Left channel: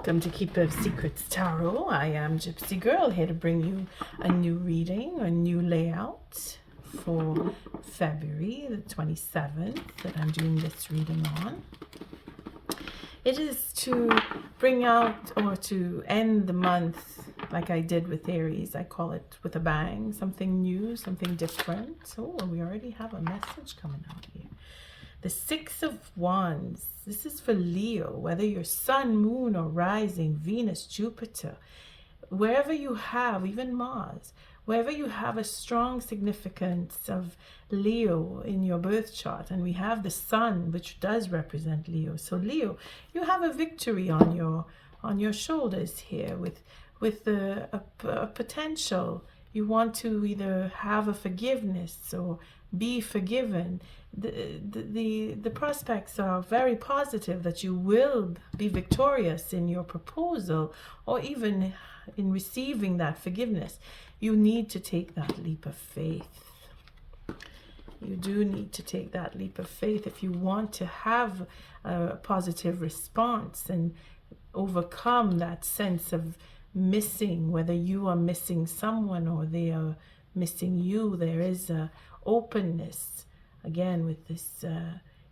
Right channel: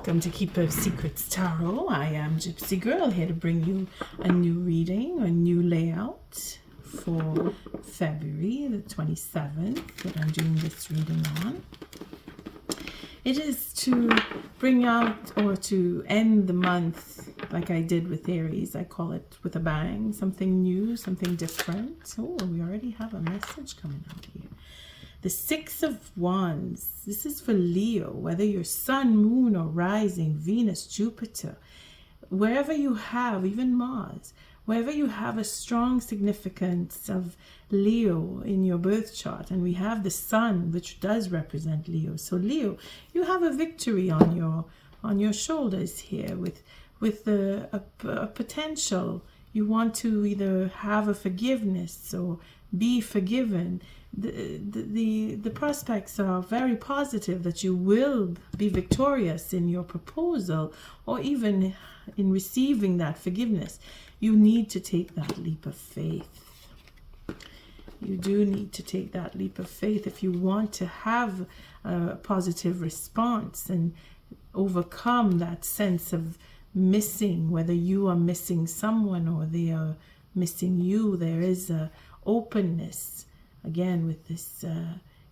Welcome to Keeper Secrets Tarot. I am Gypsy Girl, here to bring you a new reading, a new layout for February the 27th that I'm doing this reading on. It is to bring out or to end the month like I did with Aries. I call it with a bang, something new, something different. Oh, we already have a message coming out here. The Six of Wands. This is for Leo, whether you're Sun, Moon, or Rising, Venus, Jupiter, wherever you have, even Mars, wherever you have a strong significance of Leo in your birth chart, and we have the Sun, which does represent Leo. So Leo, you have a victory on your shoulders here with a potential. You want to either have a forgiveness or be forgiven. The prospects are very positive that you will be victorious in your proposal or even in receiving that forgiveness. You need to take that leap of faith. You do need to take that leap of faith if you want to have a positive response and overcome that sense of missing, whether you are missing someone or they are missing you. There is a openness. Again, with this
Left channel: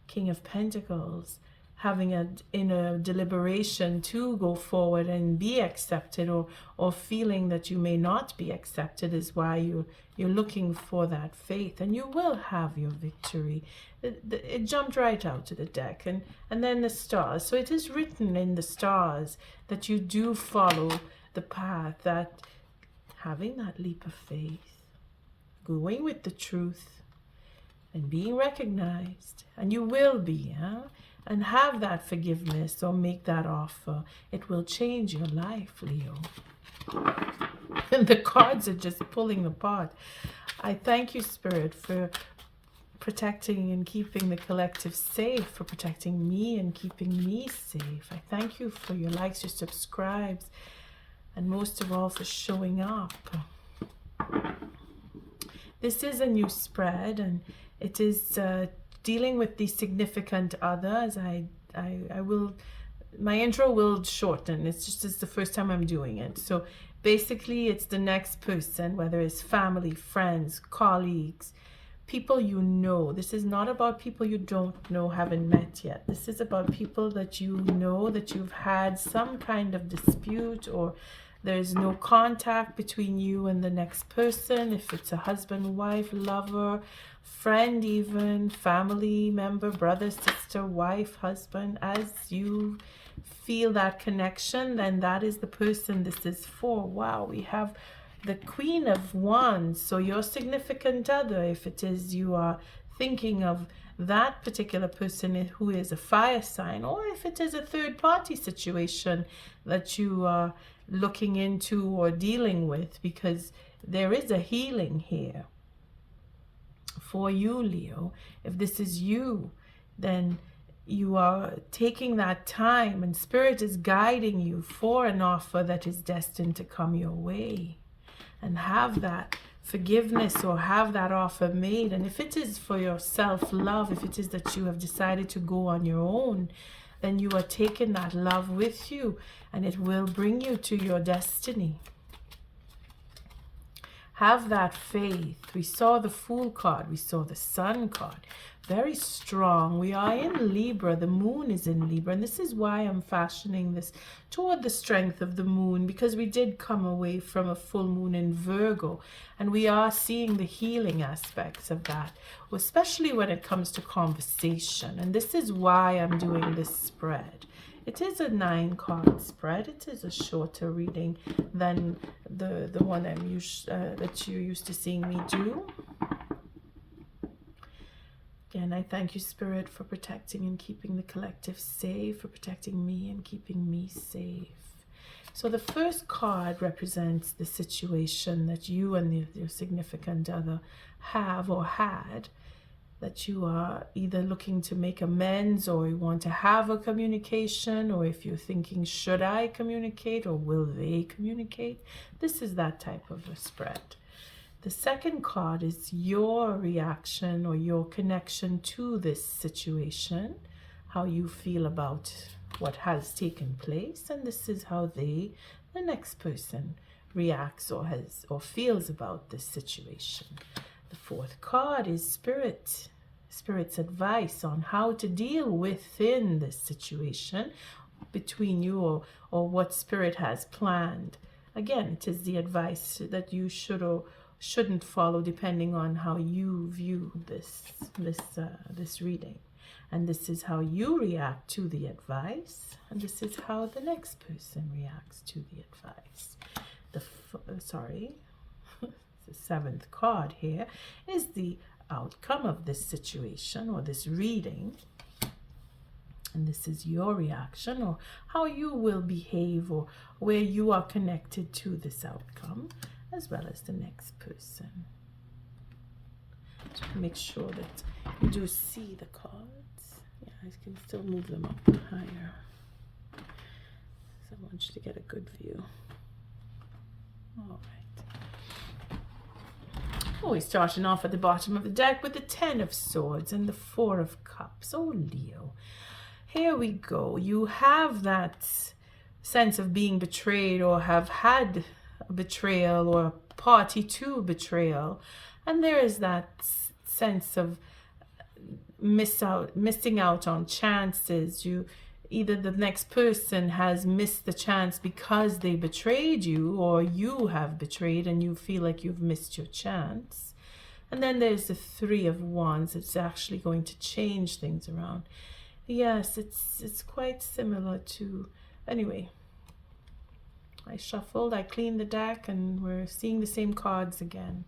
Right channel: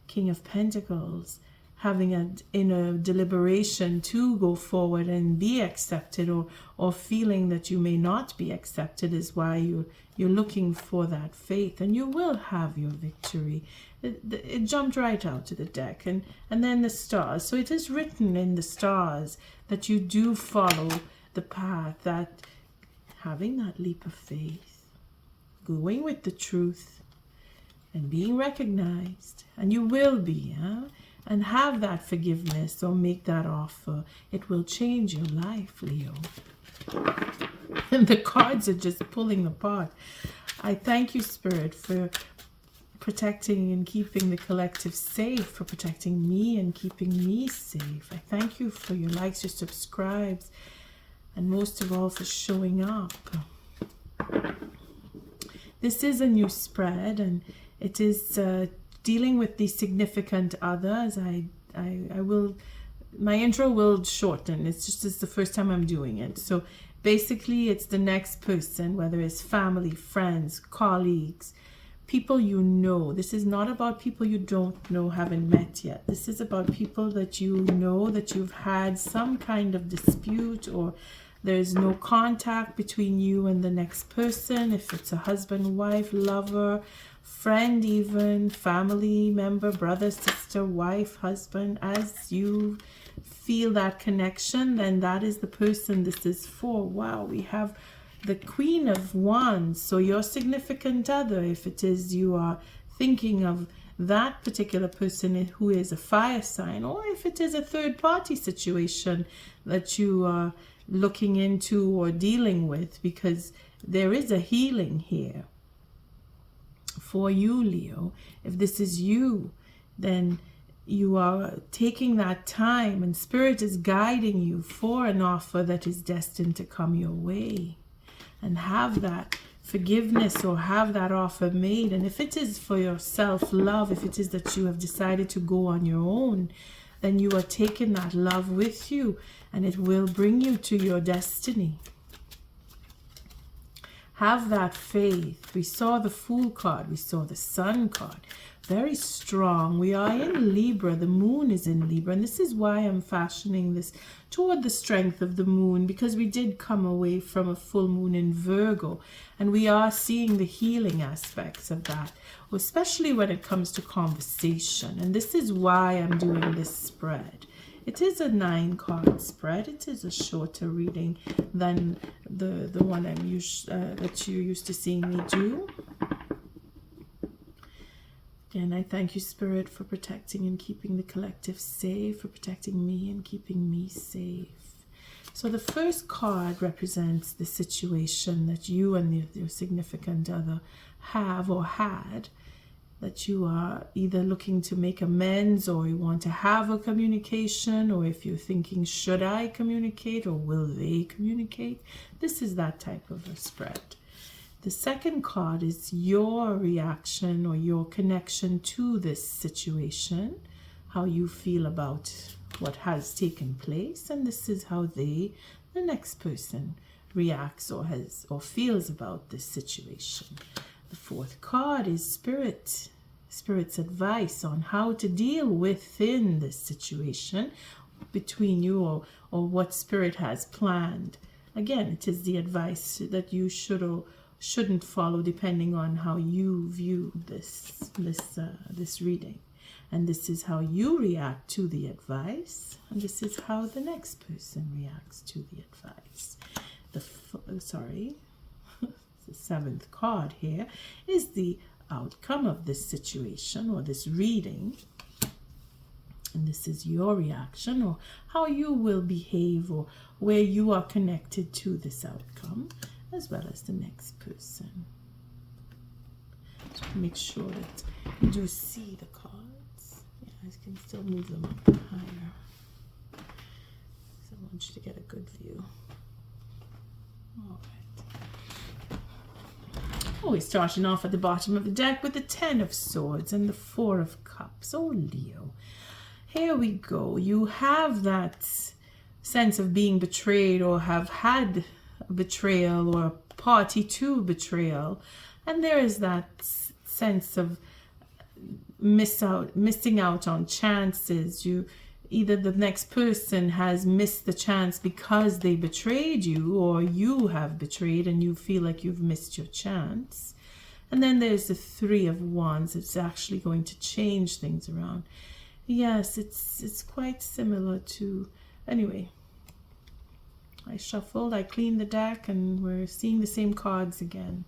King of Pentacles, having an inner deliberation to go forward and be accepted, or feeling that you may not be accepted, is why you're looking for that faith, and you will have your victory. It jumped right out to the deck, and then the stars. So it is written in the stars that you do follow the path, that having that leap of faith, going with the truth, and being recognized, and you will be, and have that forgiveness or make that offer. It will change your life, Leo. And the cards are just pulling apart. I thank you, Spirit, for protecting and keeping the collective safe, for protecting me and keeping me safe. I thank you for your likes, your subscribes, and most of all for showing up. This is a new spread, and it is dealing with the significant others. I will, my intro will shorten. It's the first time I'm doing it. So basically it's the next person, whether it's family, friends, colleagues, people you know. This is not about people you don't know, haven't met yet. This is about people that you know, that you've had some kind of dispute, or there's no contact between you and the next person. If it's a husband, wife, lover, friend, even family member, brother, sister, wife, husband, as you feel that connection, then that is the person this is for. Wow, we have the Queen of Wands. So your significant other, if it is you are thinking of that particular person who is a fire sign, or if it is a third party situation that you are looking into or dealing with, because there is a healing here for you, Leo. If this is you, then you are taking that time, and Spirit is guiding you for an offer that is destined to come your way, and have that forgiveness or have that offer made. And if it is for your self-love, if it is that you have decided to go on your own, then you are taking that love with you, and it will bring you to your destiny. Have that faith. We saw the Fool card. We saw the Sun card. Very strong. We are in Libra. The Moon is in Libra. And this is why I'm fashioning this toward the strength of the Moon, because we did come away from a full moon in Virgo. And we are seeing the healing aspects of that, especially when it comes to conversation. And this is why I'm doing this spread. It is a 9-card spread. It is a shorter reading than the one that you're used to seeing me do. Again, I thank you, Spirit, for protecting and keeping the collective safe, for protecting me and keeping me safe. So the first card represents the situation that you and your significant other have or had, that you are either looking to make amends, or you want to have a communication, or if you're thinking, should I communicate or will they communicate? This is that type of a spread. The second card is your reaction or your connection to this situation, how you feel about what has taken place, and this is how the next person reacts or feels about this situation. The fourth card is Spirit's advice on how to deal within this situation between you, or what Spirit has planned. Again, it is the advice that you should or shouldn't follow depending on how you view this reading. And this is how you react to the advice, and this is how the next person reacts to the advice. The seventh card here is the outcome of this situation or this reading, and this is your reaction or how you will behave or where you are connected to this outcome, as well as the next person. Just make sure that you do see the cards. Yeah, I can still move them up higher. So I want you to get a good view. All right. Oh, we're starting off at the bottom of the deck with the 10 of Swords and the 4 of Cups. Oh, Leo. Here we go. You have that sense of being betrayed or have had a betrayal or a party to betrayal. And there is that sense of missing out on chances. Either the next person has missed the chance because they betrayed you, or you have betrayed and you feel like you've missed your chance. And then there's the 3 of Wands. It's actually going to change things around. Yes, it's quite similar to... Anyway, I shuffled, I cleaned the deck, and we're seeing the same cards again.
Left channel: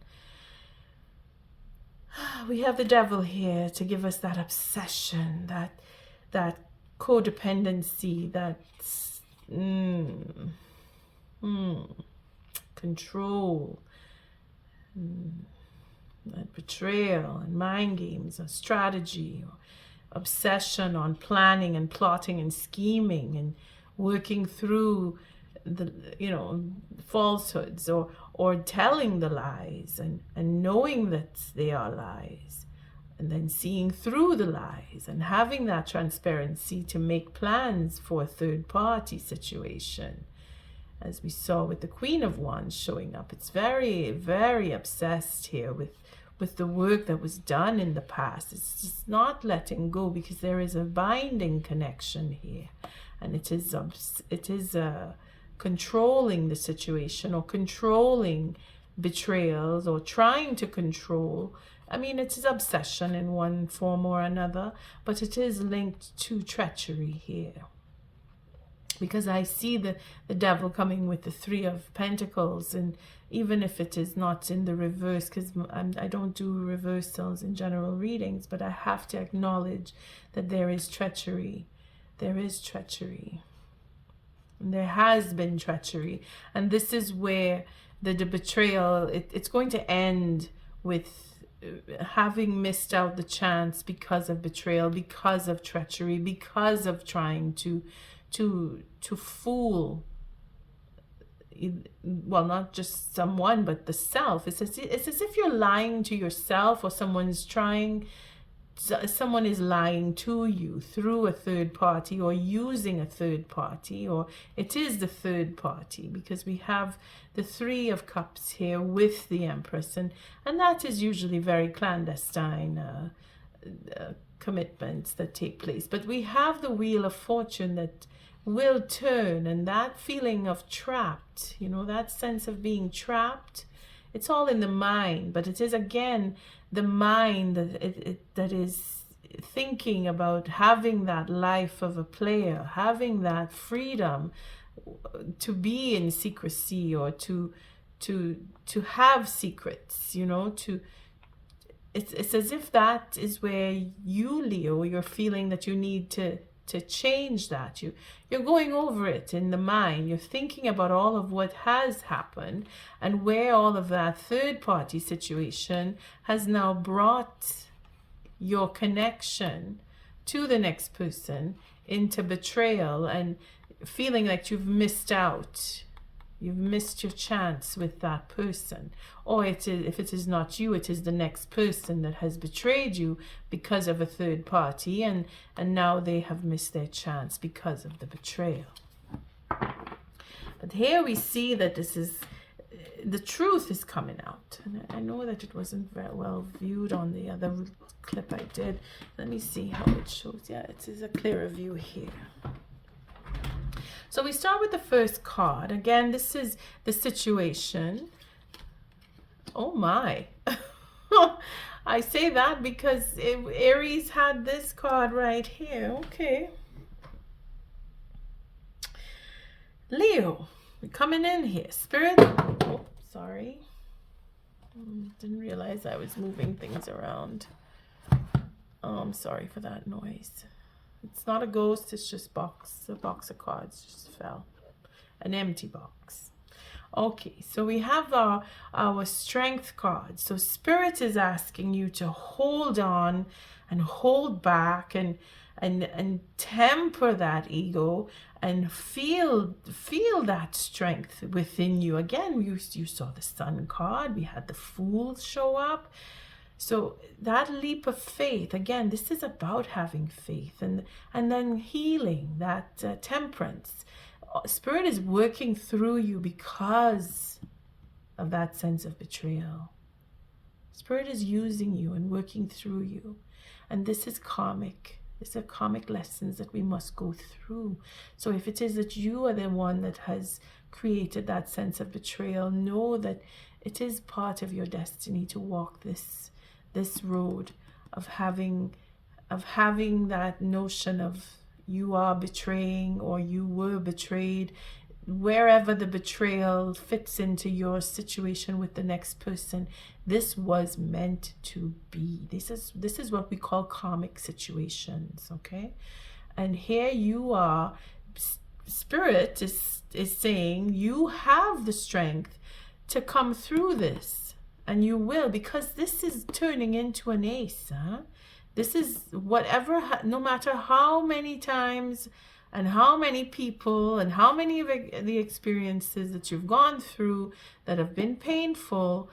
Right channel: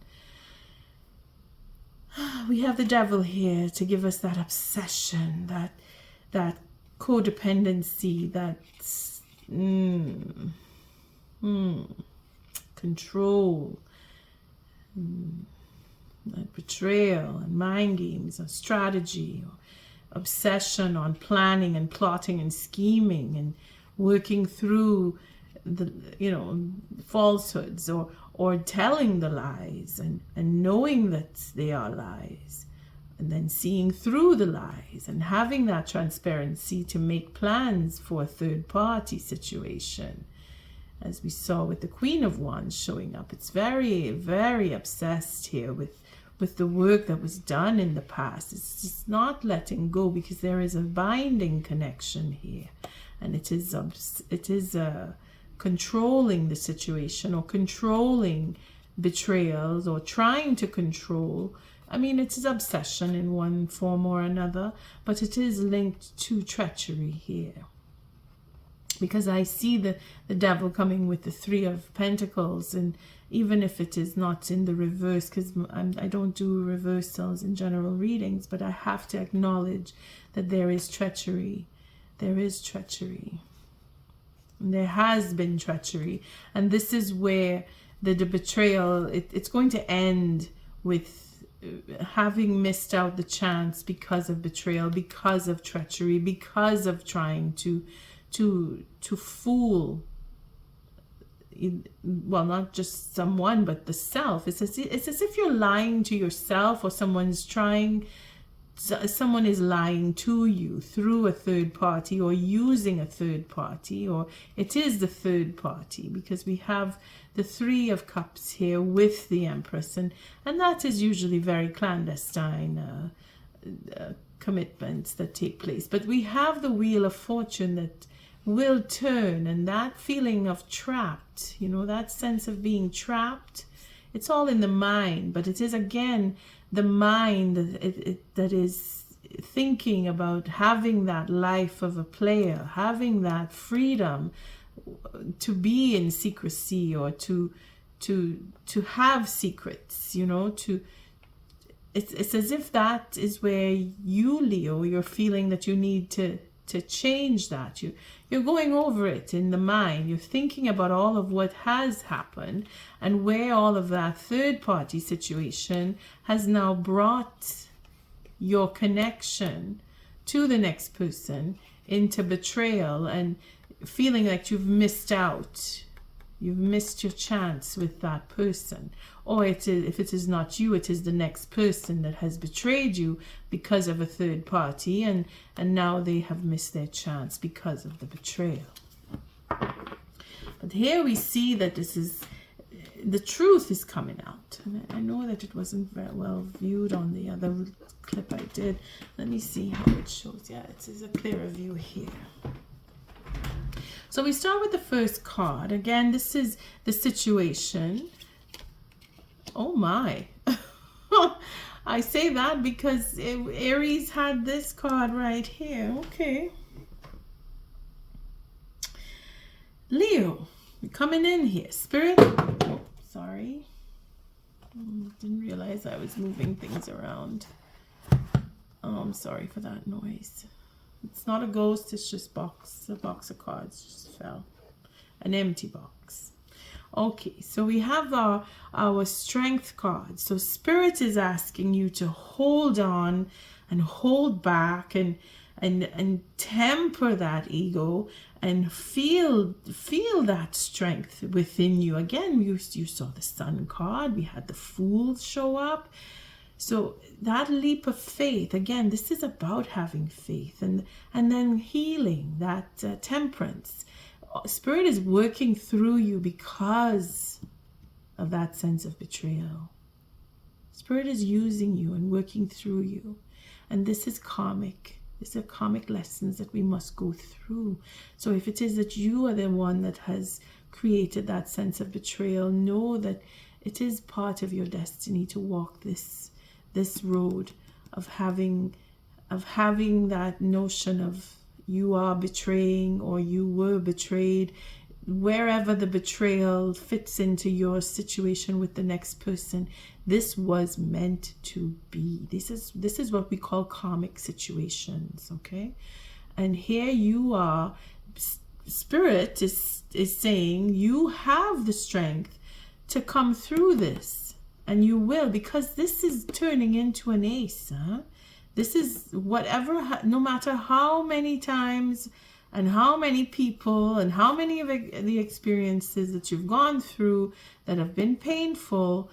We have the Devil here to give us that obsession, that codependency, that control, that betrayal and mind games or strategy, or obsession on planning and plotting and scheming and working through the falsehoods or telling the lies and knowing that they are lies, and then seeing through the lies and having that transparency to make plans for a third party situation. As we saw with the Queen of Wands showing up, it's very, very obsessed here with the work that was done in the past. It's just not letting go, because there is a binding connection here, and it is controlling the situation or controlling betrayals or trying to control. I mean, it is obsession in one form or another, but it is linked to treachery here. Because I see the Devil coming with the 3 of Pentacles, and even if it is not in the reverse, because I don't do reversals in general readings, but I have to acknowledge that there is treachery. There is treachery. And there has been treachery. And this is where the betrayal, it's going to end with having missed out the chance because of betrayal, because of treachery, because of trying to fool, well, not just someone, but the self. It's as if you're lying to yourself, or someone is lying to you through a third party or using a third party, or it is the third party, because we have the 3 of Cups here with the Empress, and that is usually very clandestine commitments that take place. But we have the Wheel of Fortune that will turn, and that feeling of trapped, that sense of being trapped, it's all in the mind, but it is again the mind that is thinking about having that life of a player, having that freedom to be in secrecy, or to have secrets, it's as if that is where you, Leo, you're feeling that you need to change that. You're going over it in the mind. You're thinking about all of what has happened and where all of that third party situation has now brought your connection to the next person into betrayal, and feeling like you've missed out You've missed your chance with that person. Or if it is not you, it is the next person that has betrayed you because of a third party, and now they have missed their chance because of the betrayal. But here we see that the truth is coming out. And I know that it wasn't very well viewed on the other clip I did. Let me see how it shows. Yeah, it is a clearer view here. So we start with the first card. Again, this is the situation. Oh my. I say that because Aries had this card right here. Okay. Leo, we're coming in here. Spirit. Oh, sorry. Didn't realize I was moving things around. Oh, I'm sorry for that noise. It's not a ghost, it's just a box of cards just fell. An empty box. Okay, so we have our strength card. So Spirit is asking you to hold on and hold back and temper that ego and feel that strength within you. Again, you saw the Sun card, we had the Fool show up. So that leap of faith, again, this is about having faith and then healing, that temperance. Spirit is working through you because of that sense of betrayal. Spirit is using you and working through you. And this is karmic. These are karmic lessons that we must go through. So if it is that you are the one that has created that sense of betrayal, know that it is part of your destiny to walk this road of having that notion of you are betraying or you were betrayed, wherever the betrayal fits into your situation with the next person. This was meant to be. This is what we call karmic situations, okay? And here you are, Spirit is saying you have the strength to come through this. And you will, because this is turning into an ace. This is whatever, no matter how many times and how many people and how many of the experiences that you've gone through that have been painful,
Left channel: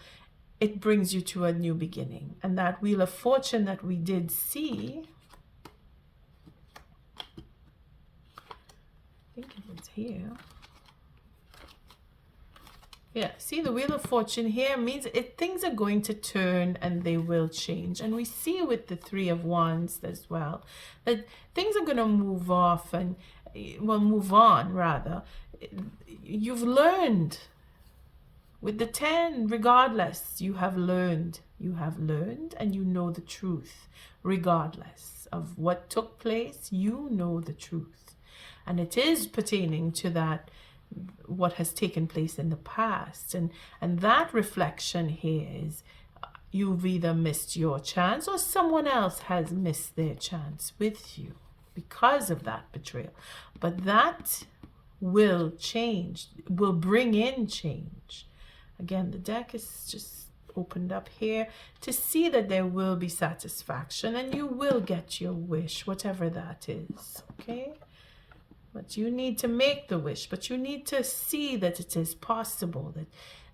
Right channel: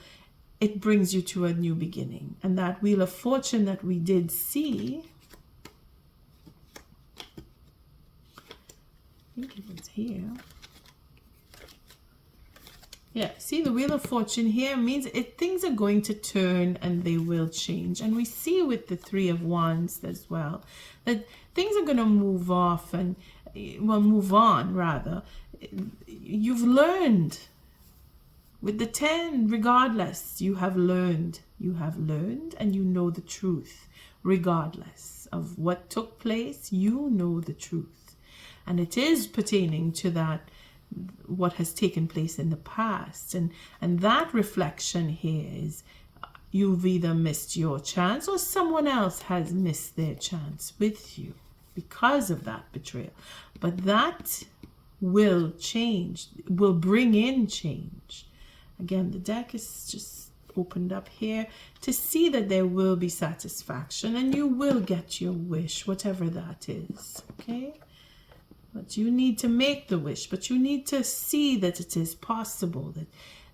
it brings you to a new beginning. And that Wheel of Fortune that we did see, I think it was here. Yeah, see the Wheel of Fortune here means things are going to turn and they will change. And we see with the Three of Wands as well, that things are going to move off and, well, move on rather. You've learned. With the 10, regardless, you have learned. You have learned and you know the truth. Regardless of what took place, you know the truth. And it is pertaining to that, what has taken place in the past, and that reflection here is you've either missed your chance or someone else has missed their chance with you because of that betrayal. But that will change, will bring in change. Again, the deck is just opened up here to see that there will be satisfaction and you will get your wish, whatever that is, okay? But you need to make the wish, but you need to see that it is possible, that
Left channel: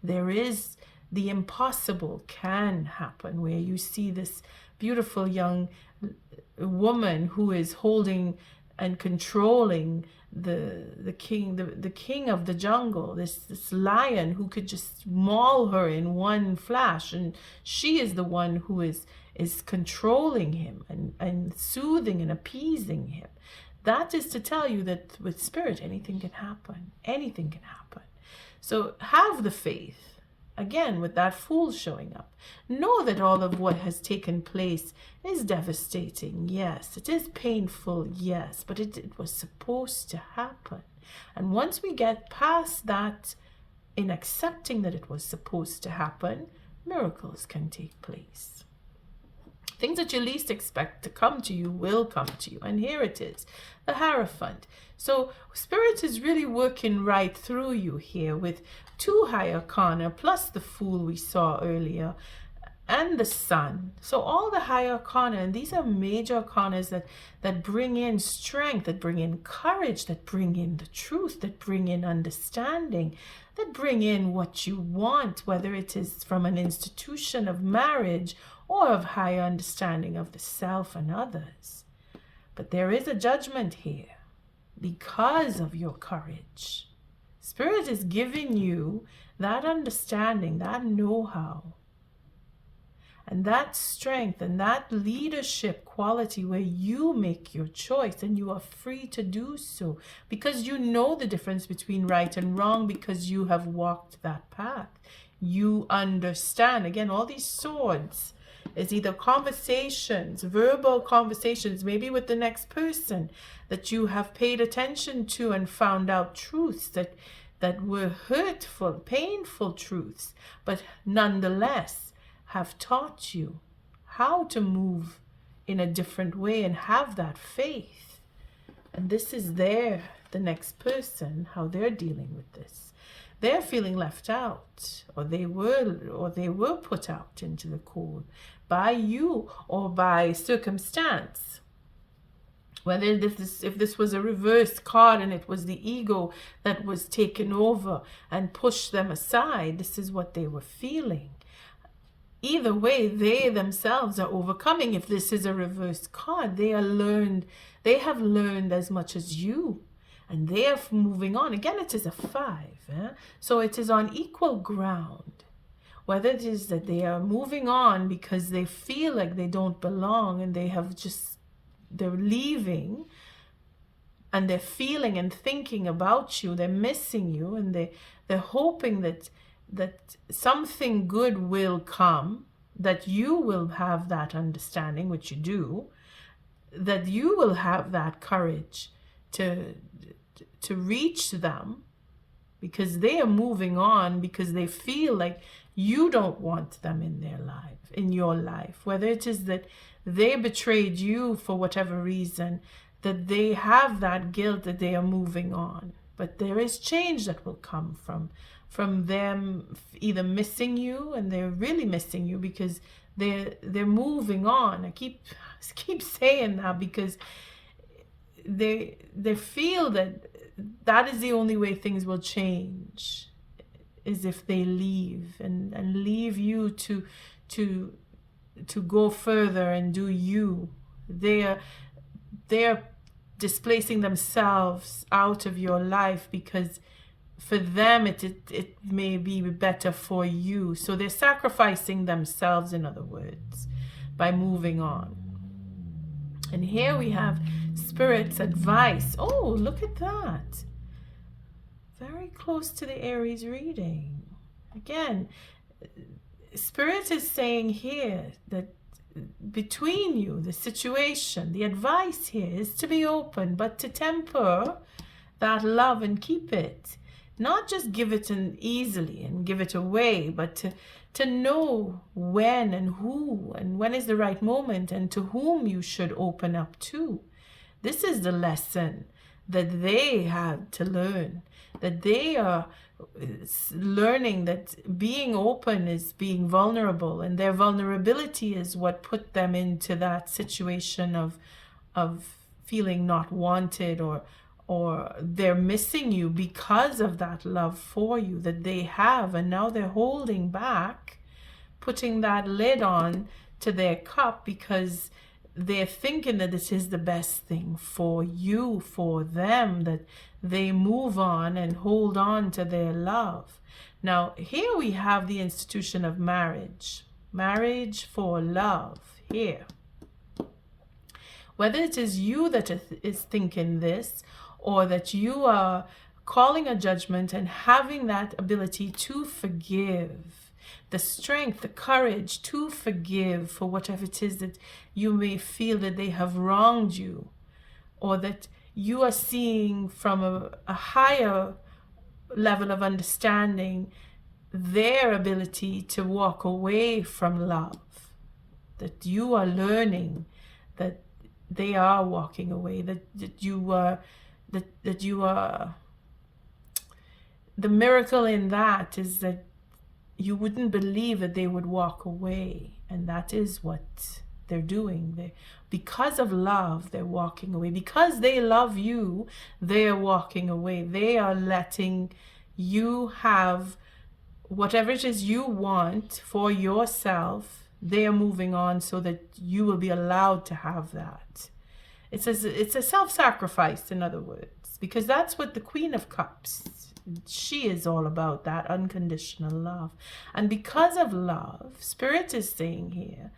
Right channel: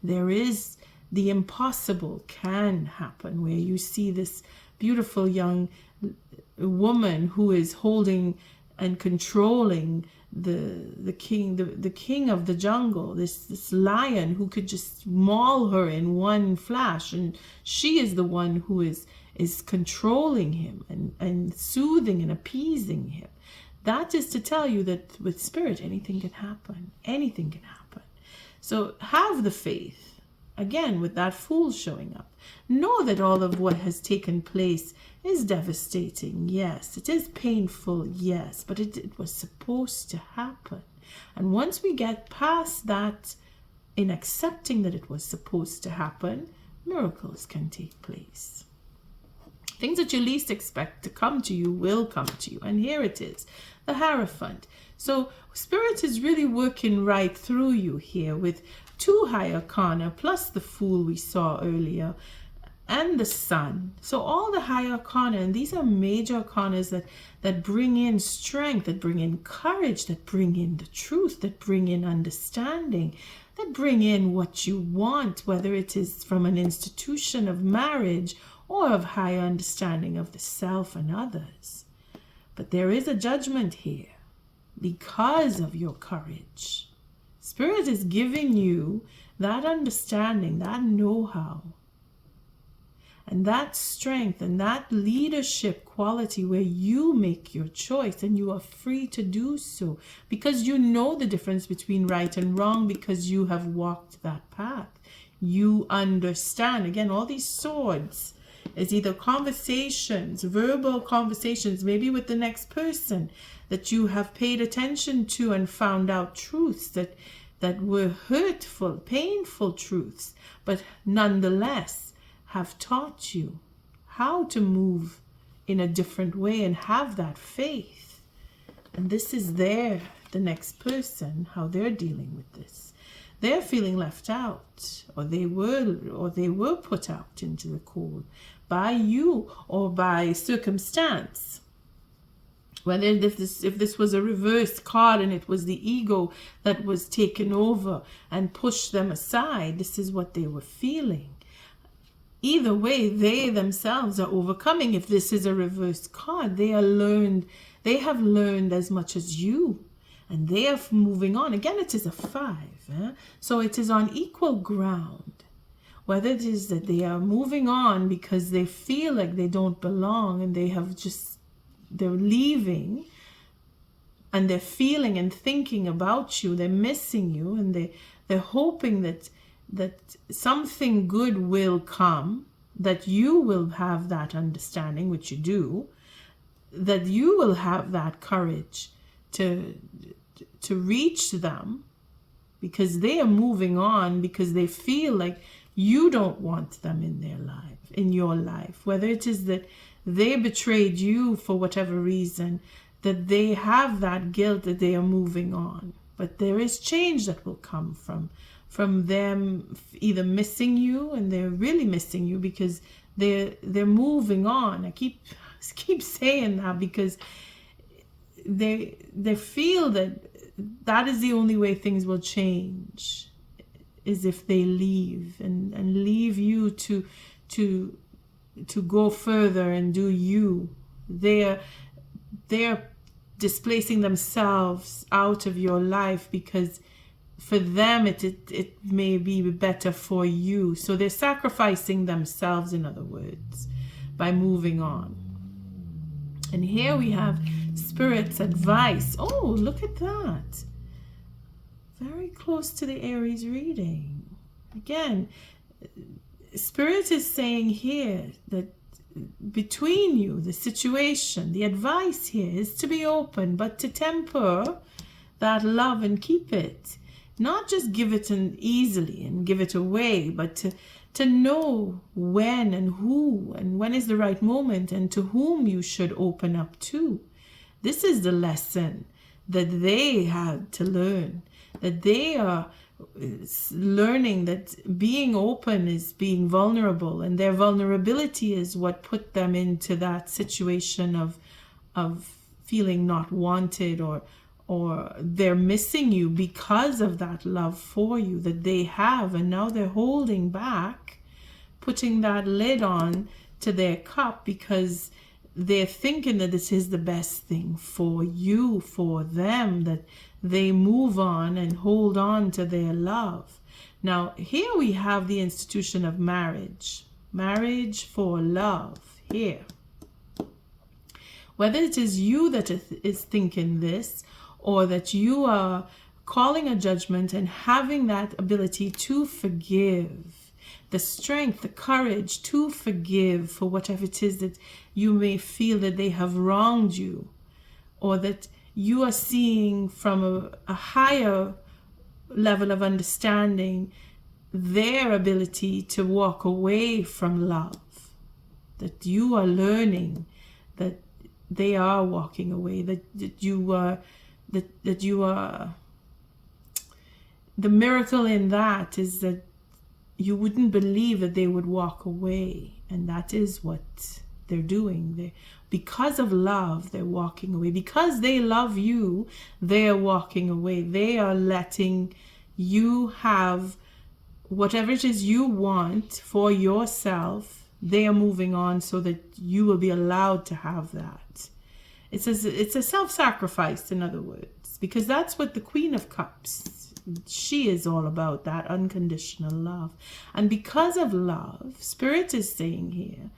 there is the impossible can happen, where you see this beautiful young woman who is holding and controlling the king of the jungle, this lion who could just maul her in one flash, and she is the one who is controlling him and soothing and appeasing him. That is to tell you that with Spirit, anything can happen. Anything can happen. So have the faith. Again, with that Fool showing up. Know that all of what has taken place is devastating. Yes. It is painful. Yes. But it was supposed to happen. And once we get past that, in accepting that it was supposed to happen, miracles can take place. Things that you least expect to come to you will come to you. And here it is. The Hierophant. So Spirit is really working right through you here with 2 High Arcana plus the Fool we saw earlier. and the Sun. So all the high arcana, and these are major arcanas that bring in strength, that bring in courage, that bring in the truth, that bring in understanding, that bring in what you want, whether it is from an institution of marriage or of higher understanding of the self and others. But there is a judgment here because of your courage. Spirit is giving you that understanding, that know-how, and that strength and that leadership quality where you make your choice and you are free to do so because you know the difference between right and wrong, because you have walked that path. You understand. Again, all these swords is either conversations, verbal conversations, maybe with the next person that you have paid attention to and found out truths that were hurtful, painful truths, but nonetheless have taught you how to move in a different way and have that faith. And this is the next person, how they're dealing with this. They're feeling left out, or they were put out into the cold by you or by circumstance. Whether if this was a reverse card and it was the ego that was taken over and pushed them aside, this is what they were feeling. Either way, they themselves are overcoming. If this is a reverse card, they have learned as much as you, and they are moving on. Again, it is a 5, so it is on equal ground. Whether it is that they are moving on because they feel like they don't belong and they're leaving, and they're feeling and thinking about you, they're missing you, and they're hoping that something good will come, that you will have that understanding, which you do, that you will have that courage to reach them, because they are moving on, because they feel like you don't want them in your life, whether it is that they betrayed you for whatever reason, that they have that guilt that they are moving on. But there is change that will come from them either missing you, and they're really missing you because they're moving on. I keep saying that because they feel that is the only way things will change, is if they leave and leave you to go further and do you. They're displacing themselves out of your life because for them it may be better for you. So they're sacrificing themselves, in other words, by moving on. And here we have Spirit's advice. Oh, look at that. Very close to the Aries reading. Again, Spirit is saying here that between you, the situation, the advice here is to be open, but to temper that love and keep it. Not just give it easily and give it away, but to know when and who and when is the right moment and to whom you should open up to. This is the lesson that they had to learn, that they are learning that being open is being vulnerable, and their vulnerability is what put them into that situation of feeling not wanted, or they're missing you because of that love for you that they have, and now they're holding back, putting that lid on to their cup because they're thinking that this is the best thing for you, for them, that they move on and hold on to their love. Now, here we have the institution of marriage for love here. Whether it is you that is thinking this, or that you are calling a judgment and having that ability to forgive, the strength, the courage to forgive for whatever it is that you may feel that they have wronged you, or that you are seeing from a higher level of understanding their ability to walk away from love, that you are learning that they are walking away, that you are the miracle in that is that you wouldn't believe that they would walk away, And that is what they're doing. Because of love, they're walking away. Because they love you, they are walking away. They are letting you have whatever it is you want for yourself. They are moving on so that you will be allowed to have that. It's a self-sacrifice, in other words, because that's what the Queen of Cups, she is all about, that unconditional love. And because of love, Spirit is saying here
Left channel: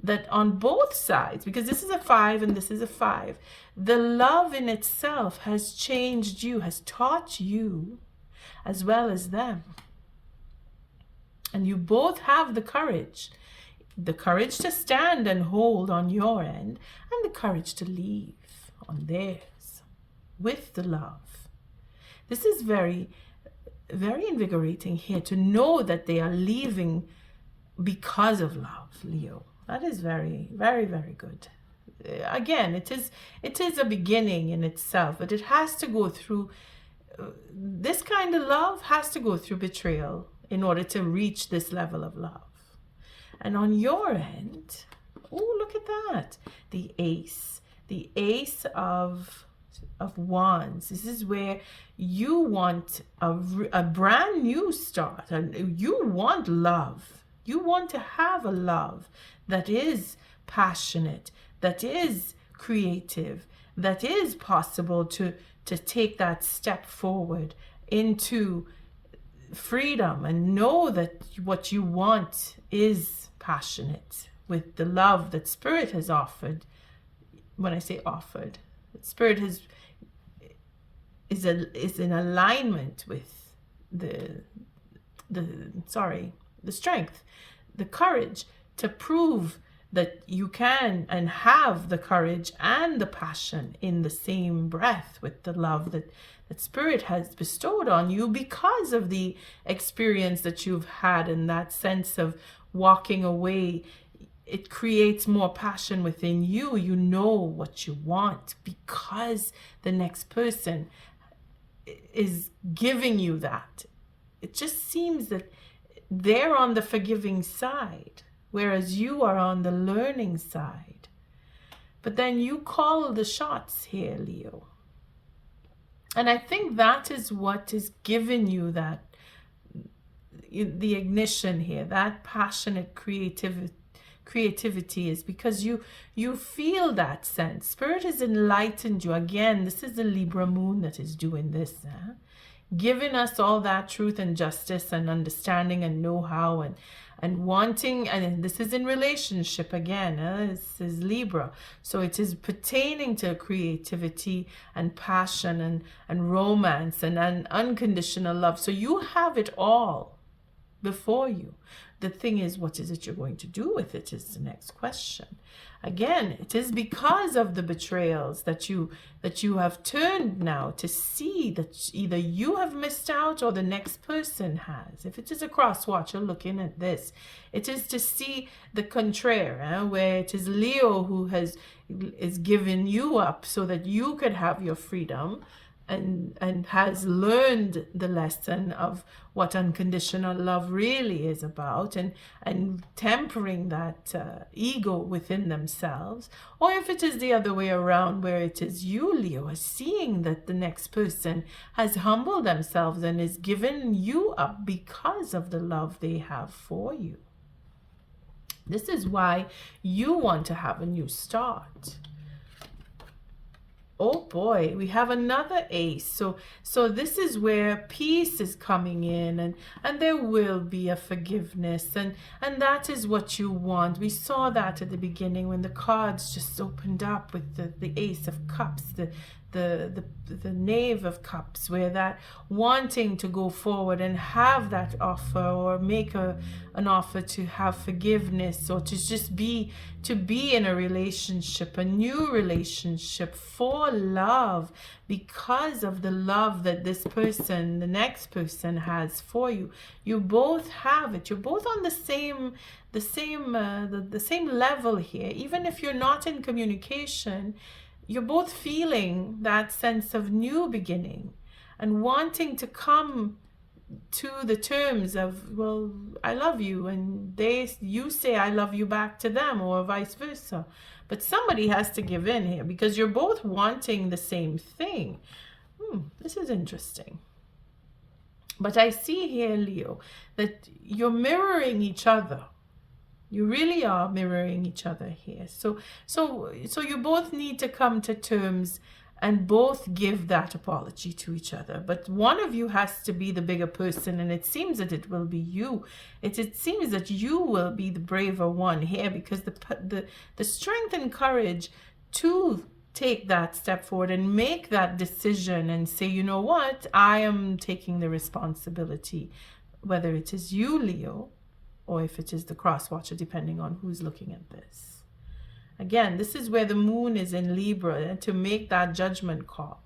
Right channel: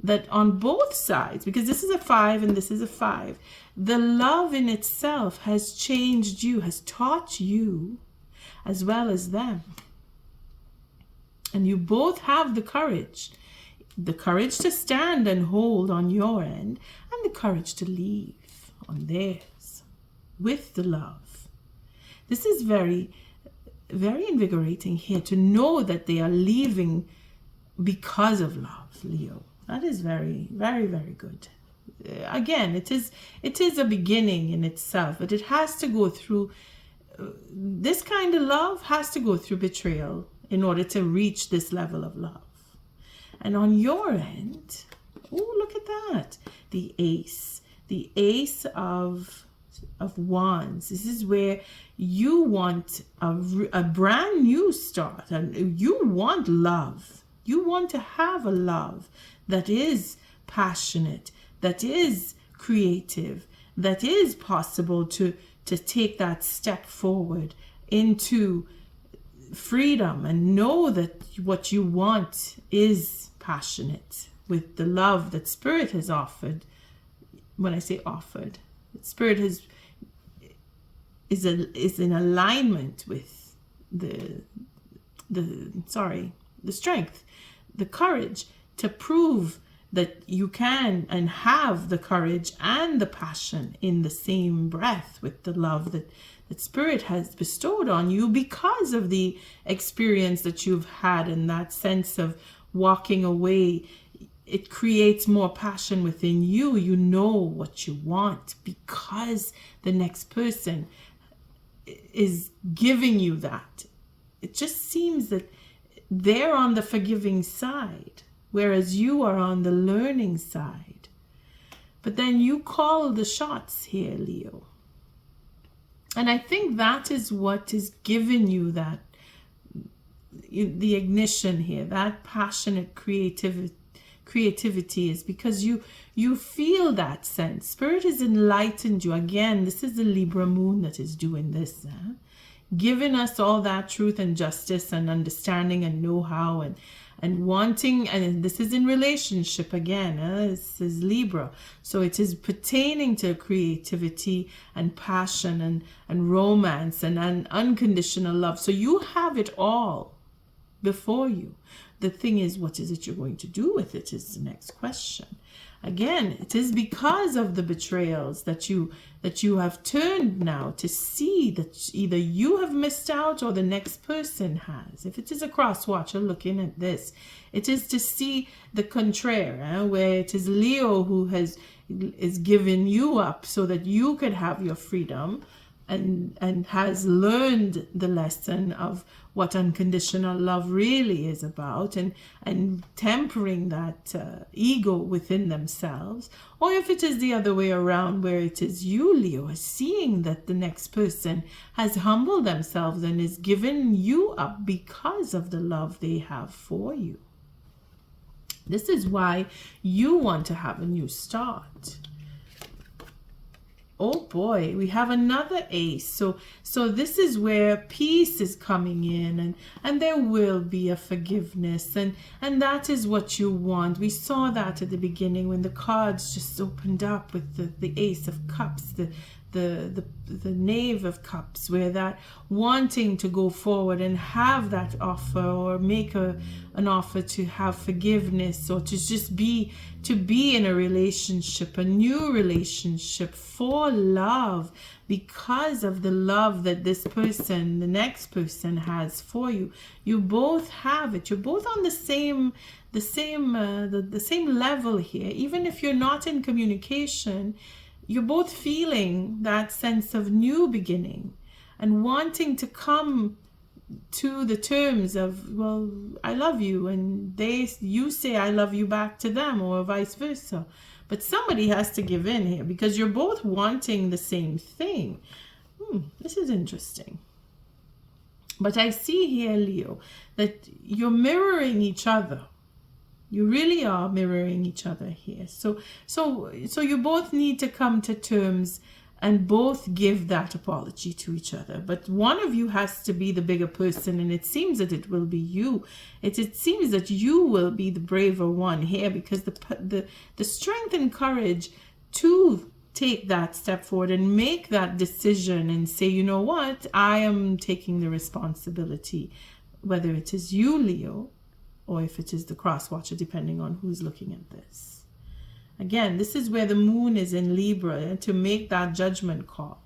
that on both sides, because this is a 5 and this is a 5, the love in itself has changed you, has taught you as well as them. And you both have the courage to stand and hold on your end, and the courage to leave on theirs with the love. This is very, very invigorating here, to know that they are leaving because of love, Leo. That is very, very, very good. Again, it is a beginning in itself, but it has to go through, this kind of love has to go through betrayal in order to reach this level of love. And on your end, oh, look at that. The ace of wands. This is where you want a brand new start, and you want love. You want to have a love that is passionate, that is creative, that is possible to take that step forward into freedom, and know that what you want is passionate with the love that Spirit has offered. When I say offered, Spirit is in alignment with the strength, the courage to prove that you can and have the courage and the passion in the same breath with the love that Spirit has bestowed on you because of the experience that you've had, and that sense of walking away. It creates more passion within you. You know what you want because the next person is giving you that. It just seems that they're on the forgiving side, whereas you are on the learning side. But then you call the shots here, Leo. And I think that is what is giving you that, the ignition here, that passionate creativity is because you feel that sense. Spirit has enlightened you. Again, this is the Libra moon that is doing this, giving us all that truth and justice and understanding and know-how and wanting, and this is in relationship again. This is Libra, so it is pertaining to creativity and passion and romance and unconditional love. So you have it all before you. The thing is, what is it you're going to do with it is the next question. Again, it is because of the betrayals that you have turned now to see that either you have missed out or the next person has. If it is a cross watcher looking at this, it is to see the contraire, where it is Leo who is giving you up so that you could have your freedom, and has learned the lesson of what unconditional love really is about, and tempering that ego within themselves. Or if it is the other way around, where it is you, Leo, is seeing that the next person has humbled themselves and is giving you up because of the love they have for you. This is why you want to have a new start. Oh boy, we have another ace. So this is where peace is coming in, and there will be a forgiveness, and that is what you want. We saw that at the beginning when the cards just opened up with the Ace of Cups, the Knave of Cups, where that wanting to go forward and have that offer, or make an offer to have forgiveness, or to just be in a relationship, a new relationship for love, because of the love that this person, the next person, has for you. You both have it. You're both on the same level here. Even if you're not in communication, you're both feeling that sense of new beginning and wanting to come to the terms of, well, I love you, and you say I love you back to them, or vice versa. But somebody has to give in here, because you're both wanting the same thing. This is interesting. But I see here, Leo, that you're mirroring each other. You really are mirroring each other here. So you both need to come to terms and both give that apology to each other. But one of you has to be the bigger person, and it seems that it will be you. It seems that you will be the braver one here, because the strength and courage to take that step forward and make that decision and say, you know what, I am taking the responsibility, whether it is you, Leo, or if it is the cross watcher, depending on who's looking at this. Again, this is where the moon is in Libra, to make that judgment call.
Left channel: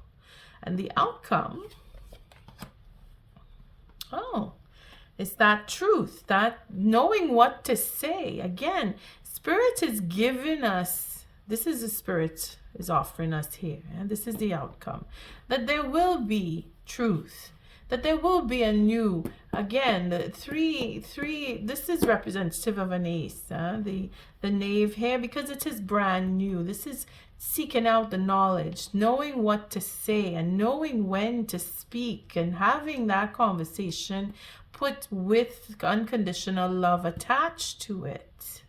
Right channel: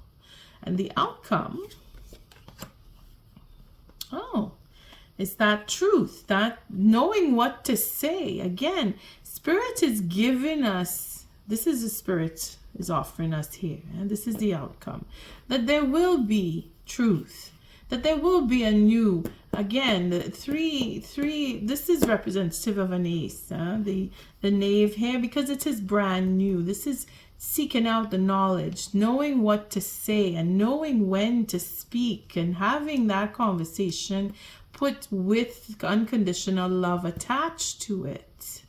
And the outcome, is that truth, that knowing what to say. Again, Spirit is giving us, this is the Spirit is offering us here, and this is the outcome, that there will be truth, that there will be a new, again, the three, this is representative of an ace, the knave here, because it is brand new. This is seeking out the knowledge, knowing what to say, and knowing when to speak, and having that conversation put with unconditional love attached to it.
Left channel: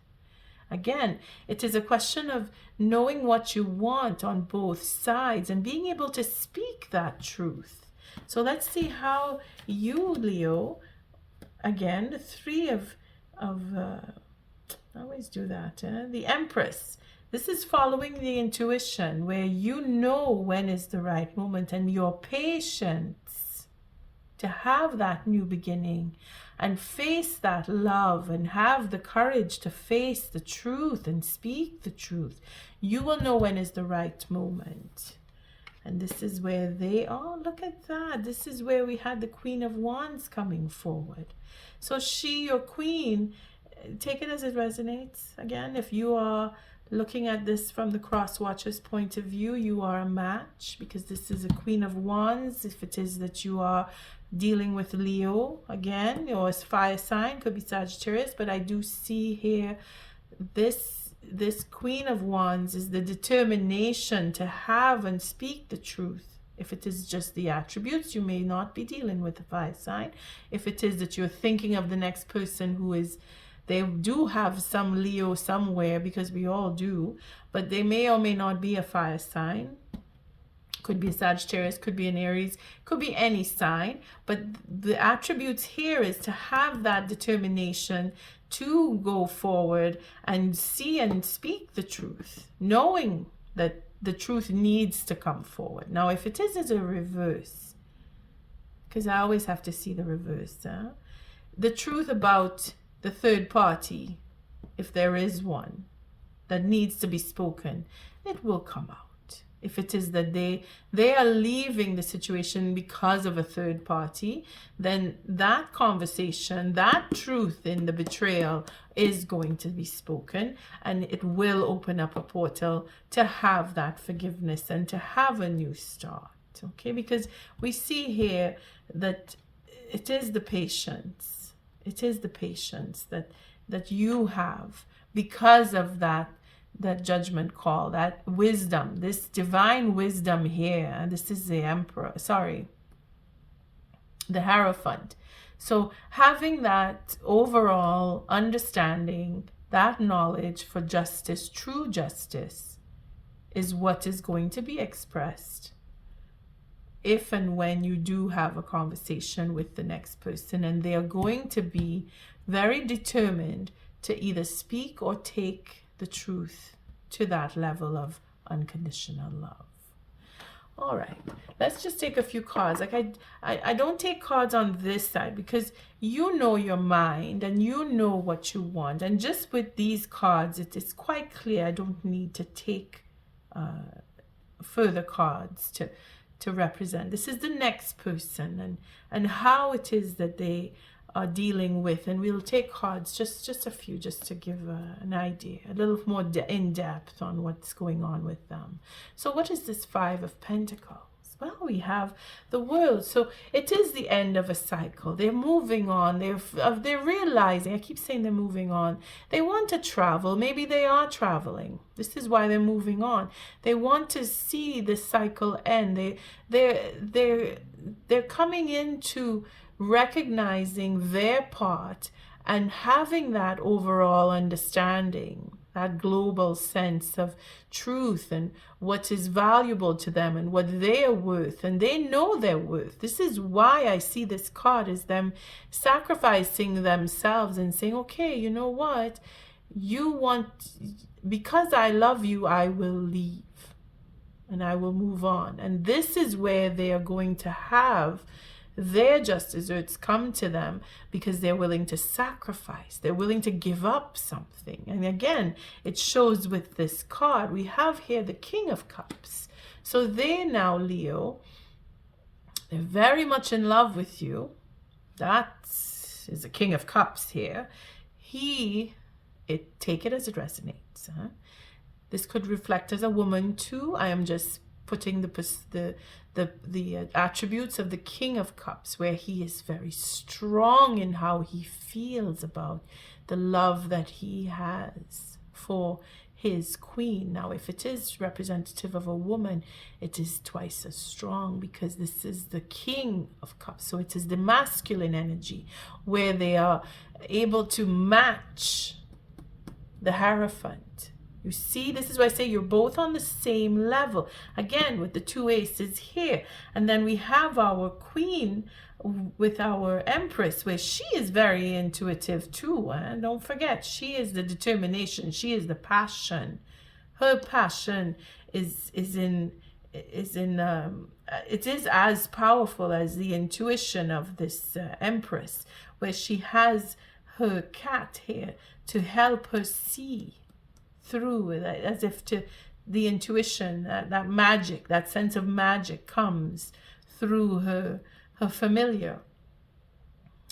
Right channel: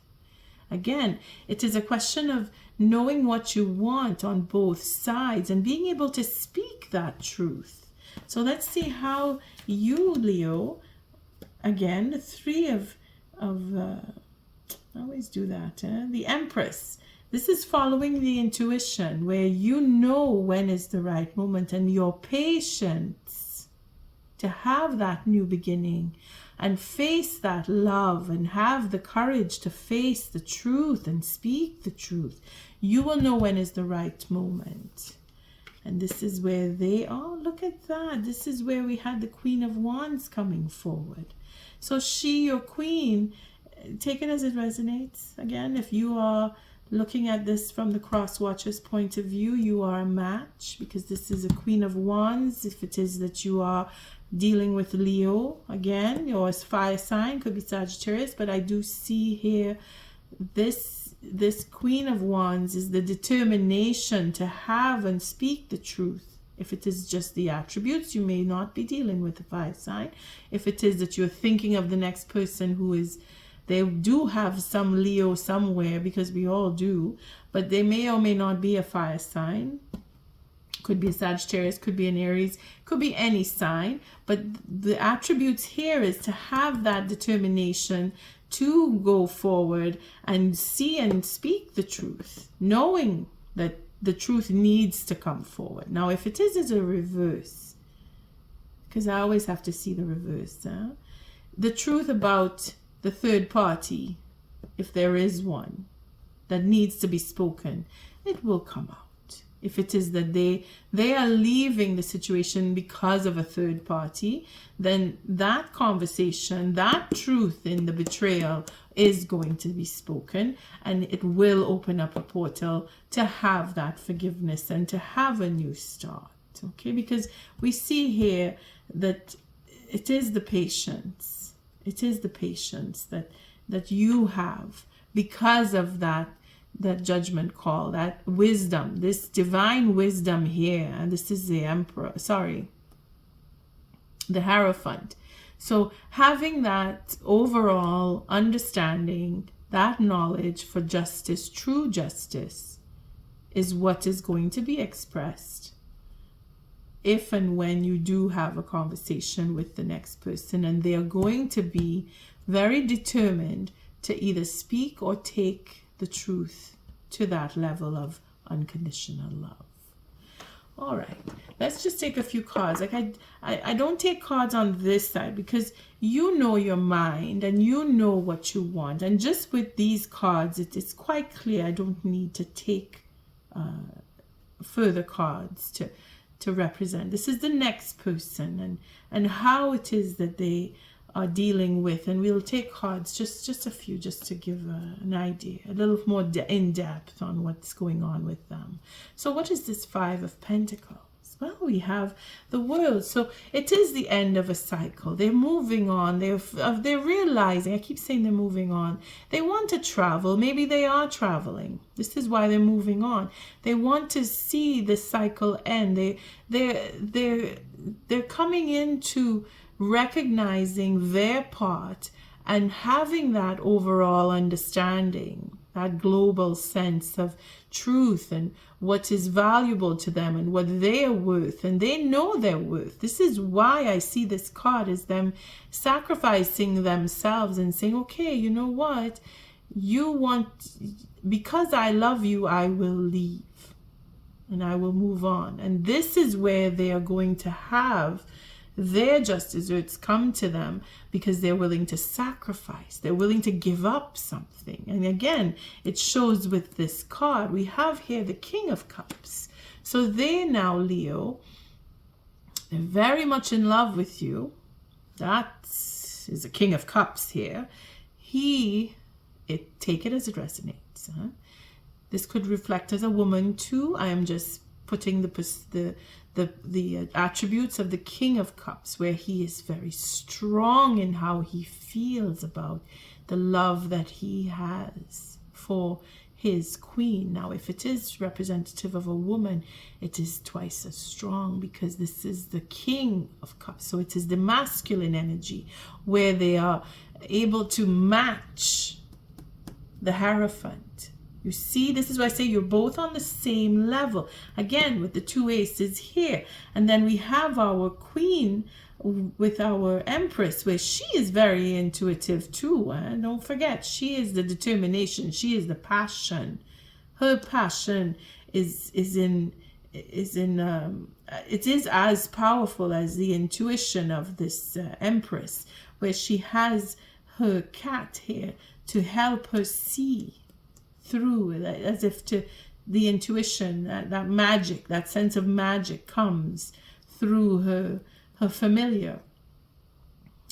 Again, it is a question of knowing what you want on both sides and being able to speak that truth. So let's see how you, Leo, again, the three of I always do that, the Empress. This is following the intuition, where you know when is the right moment, and your patience to have that new beginning and face that love and have the courage to face the truth and speak the truth. You will know when is the right moment. And this is where they are. Look at that. This is where we had the Queen of Wands coming forward. So she, your queen, take it as it resonates. Again, if you are looking at this from the cross watcher's point of view, you are a match, because this is a Queen of Wands. If it is that you are dealing with Leo, again, or as fire sign, could be Sagittarius, but I do see here this Queen of Wands is the determination to have and speak the truth. If it is just the attributes, you may not be dealing with the fire sign. If it is that you're thinking of the next person who is, they do have some Leo somewhere, because we all do, but they may or may not be a fire sign. Could be a Sagittarius, could be an Aries, could be any sign. But the attributes here is to have that determination to go forward and see and speak the truth, knowing that the truth needs to come forward. Now, if it is a reverse, because I always have to see the reverse, the truth about the third party, if there is one, that needs to be spoken, it will come out. If it is that they are leaving the situation because of a third party, then that conversation, that truth in the betrayal is going to be spoken, and it will open up a portal to have that forgiveness and to have a new start. Okay, because we see here that it is the patience. It is the patience that you have because of that judgment call, that wisdom, this divine wisdom here. And this is the the Hierophant. So having that overall understanding, that knowledge for justice, true justice, is what is going to be expressed if and when you do have a conversation with the next person, and they are going to be very determined to either speak or take the truth to that level of unconditional love. All right, let's just take a few cards. Like I don't take cards on this side, because you know your mind and you know what you want. And just with these cards, it is quite clear I don't need to take further cards to represent. This is the next person and how it is that they are dealing with, and we'll take cards, just a few, just to give an idea, a little more in depth on what's going on with them. So what is this Five of Pentacles? Well, we have the world. So it is the end of a cycle. They're moving on. They're realizing, I keep saying they're moving on. They want to travel. Maybe they are traveling. This is why they're moving on. They want to see the cycle end. They're coming into recognizing their part and having that overall understanding, that global sense of truth and what is valuable to them and what they are worth, and they know their worth. This is why I see this card as them sacrificing themselves and saying, okay, you know what, you want, because I love you, I will leave and I will move on. And this is where they are going to have their just desserts come to them, because they're willing to sacrifice. They're willing to give up something. And again, it shows with this card. We have here the King of Cups. So they now, Leo, they're very much in love with you. That is the King of Cups here. Take it as it resonates. This could reflect as a woman too. I am just putting the attributes of the King of Cups, where he is very strong in how he feels about the love that he has for his queen. Now, if it is representative of a woman, it is twice as strong, because this is the King of Cups. So it is the masculine energy, where they are able to match the Hierophant. You see, this is why I say you're both on the same level. Again, with the two aces here. And then we have our queen with our empress, where she is very intuitive too. Don't forget, she is the determination. She is the passion. Her passion it is as powerful as the intuition of this empress, where she has her cat here to help her see through, as if to the intuition, that magic, that sense of magic comes through her familiar,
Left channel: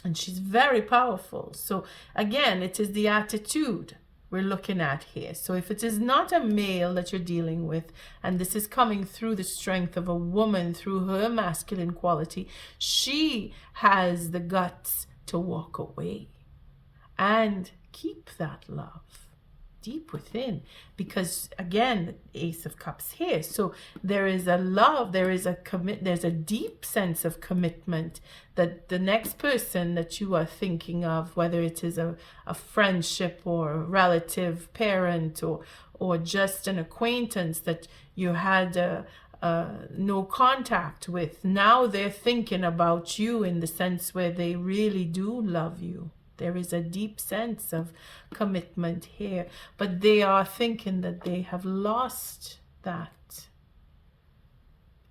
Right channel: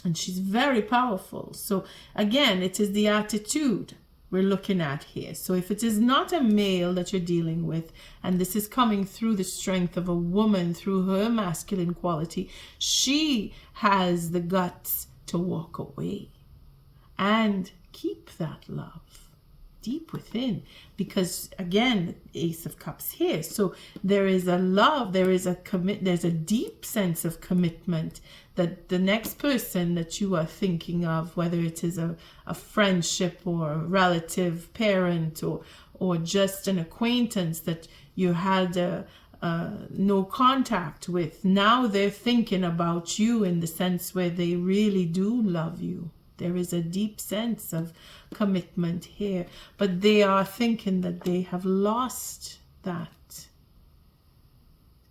and she's very powerful. So again, it is the attitude we're looking at here. So if it is not a male that you're dealing with, and this is coming through the strength of a woman, through her masculine quality, she has the guts to walk away and keep that love deep within, because again, Ace of Cups here. So there is a love, there's a deep sense of commitment that the next person that you are thinking of, whether it is a friendship or a relative, parent, or just an acquaintance that you had no contact with, now they're thinking about you in the sense where they really do love you. There is a deep sense of commitment here, but they are thinking that they have lost that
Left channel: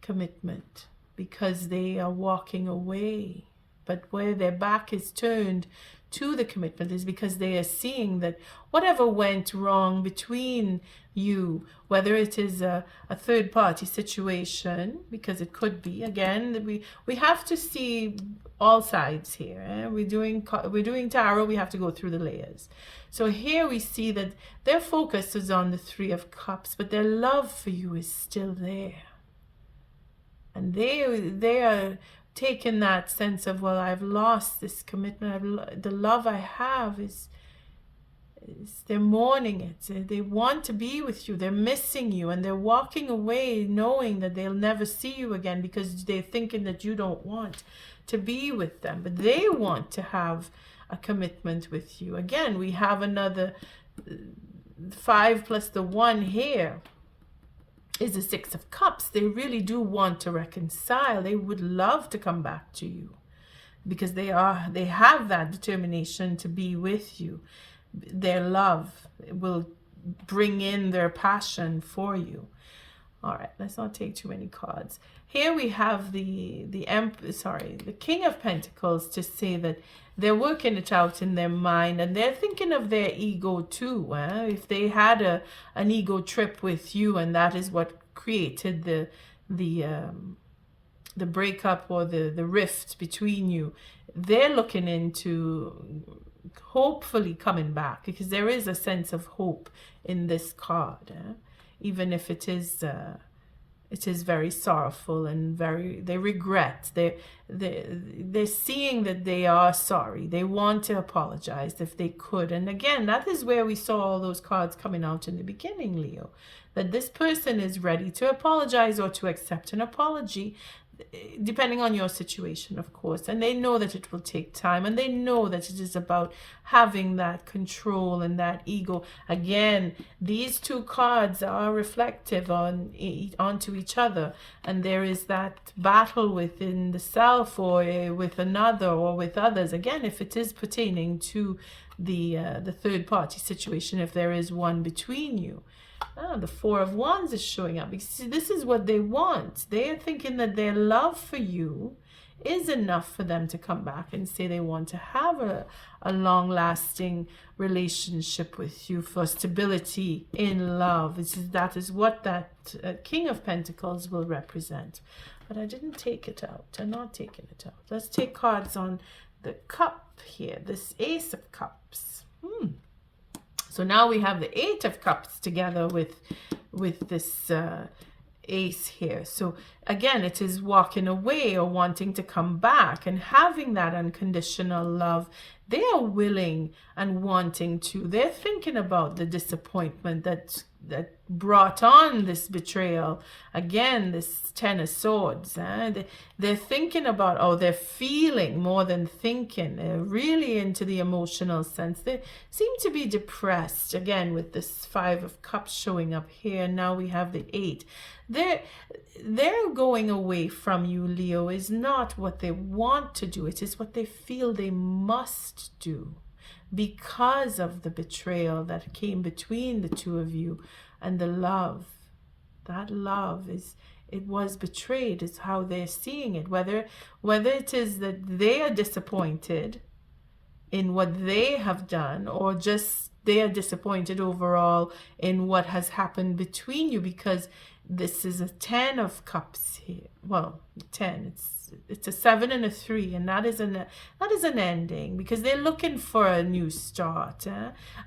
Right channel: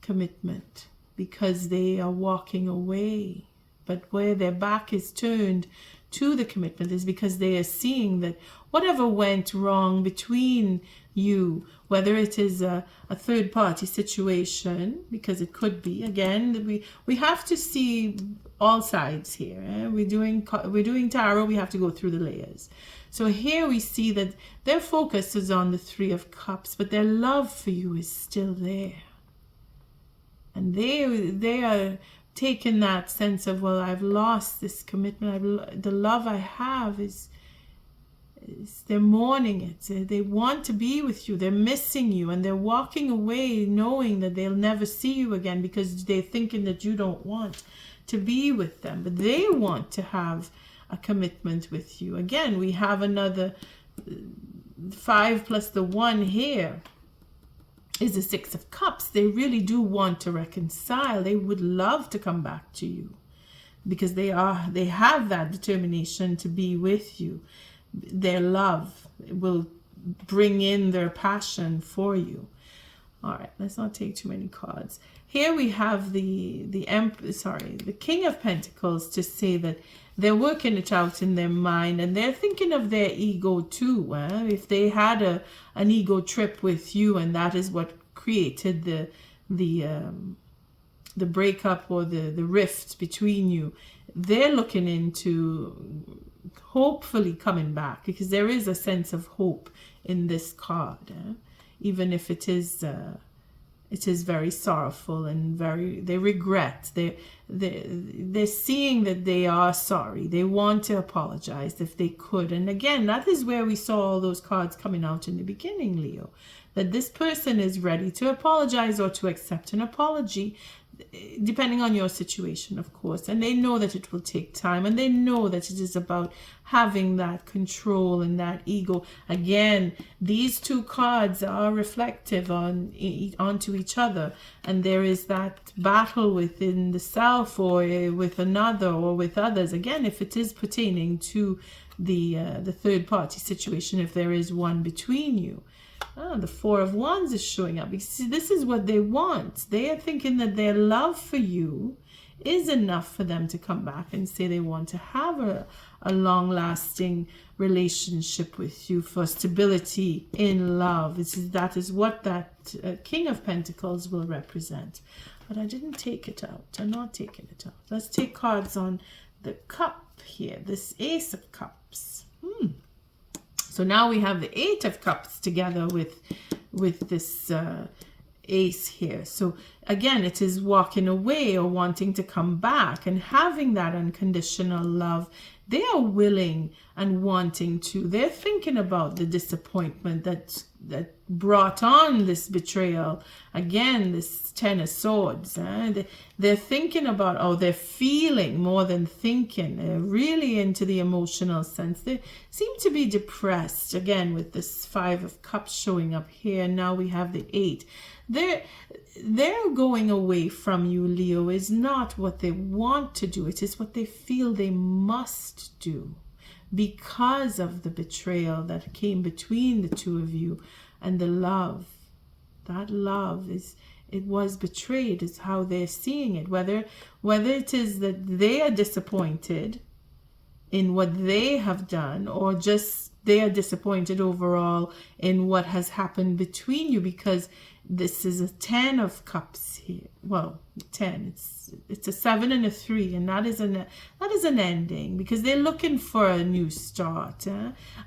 commitment because they are walking away. But where their back is turned to the commitment is because they are seeing that whatever went wrong between you, whether it is a third party situation, because it could be, again, we have to see all sides here. We're doing tarot, we have to go through the layers. So here we see that their focus is on the Three of Cups, but their love for you is still there. And they are taking that sense of, well, I've lost this commitment. The love I have is they're mourning it. They want to be with you. They're missing you, and they're walking away knowing that they'll never see you again because they're thinking that you don't want to be with them. But they want to have a commitment with you. Again, we have another 5 plus the 1 here is the Six of Cups. They really do want to reconcile. They would love to come back to you because they have that determination to be with you. Their love will bring in their passion for you. All right, let's not take too many cards. Here we have the King of Pentacles, to say that they're working it out in their mind, and they're thinking of their ego too. If they had an ego trip with you, and that is what created the breakup or the rift between you, they're looking into hopefully coming back, because there is a sense of hope in this card, even if it is it is very sorrowful and they regret. They're seeing that they are sorry. They want to apologize if they could. And again, that is where we saw all those cards coming out in the beginning, Leo. That this person is ready to apologize or to accept an apology, depending on your situation, of course. And they know that it will take time, and they know that it is about having that control and that ego. Again, these two cards are reflective onto each other, and there is that battle within the self, or with another, or with others. Again, if it is pertaining to the third party situation, if there is one between you. The Four of Wands is showing up. You see, this is what they want. They are thinking that their love for you is enough for them to come back and say they want to have a long-lasting relationship with you, for stability in love. That is what that King of Pentacles will represent. But I didn't take it out. I'm not taking it out. Let's take cards on the cup here. This Ace of Cups. So now we have the Eight of Cups together with this Ace here. So again, it is walking away or wanting to come back and having that unconditional love. They are willing and wanting to. They're thinking about the disappointment that brought on this betrayal. Again, this Ten of Swords. They're thinking about, they're feeling more than thinking. They're really into the emotional sense. They seem to be depressed. Again, with this Five of Cups showing up here. Now we have the Eight. They're going away from you, Leo, is not what they want to do. It is what they feel they must do because of the betrayal that came between the two of you, and the love. That love it was betrayed, is how they're seeing it. Whether it is that they are disappointed in what they have done, or just they are disappointed overall in what has happened between you, because this is a Ten of Cups here. Well, 10. It's a 7 and a 3, and that is an ending, because they're looking for a new start.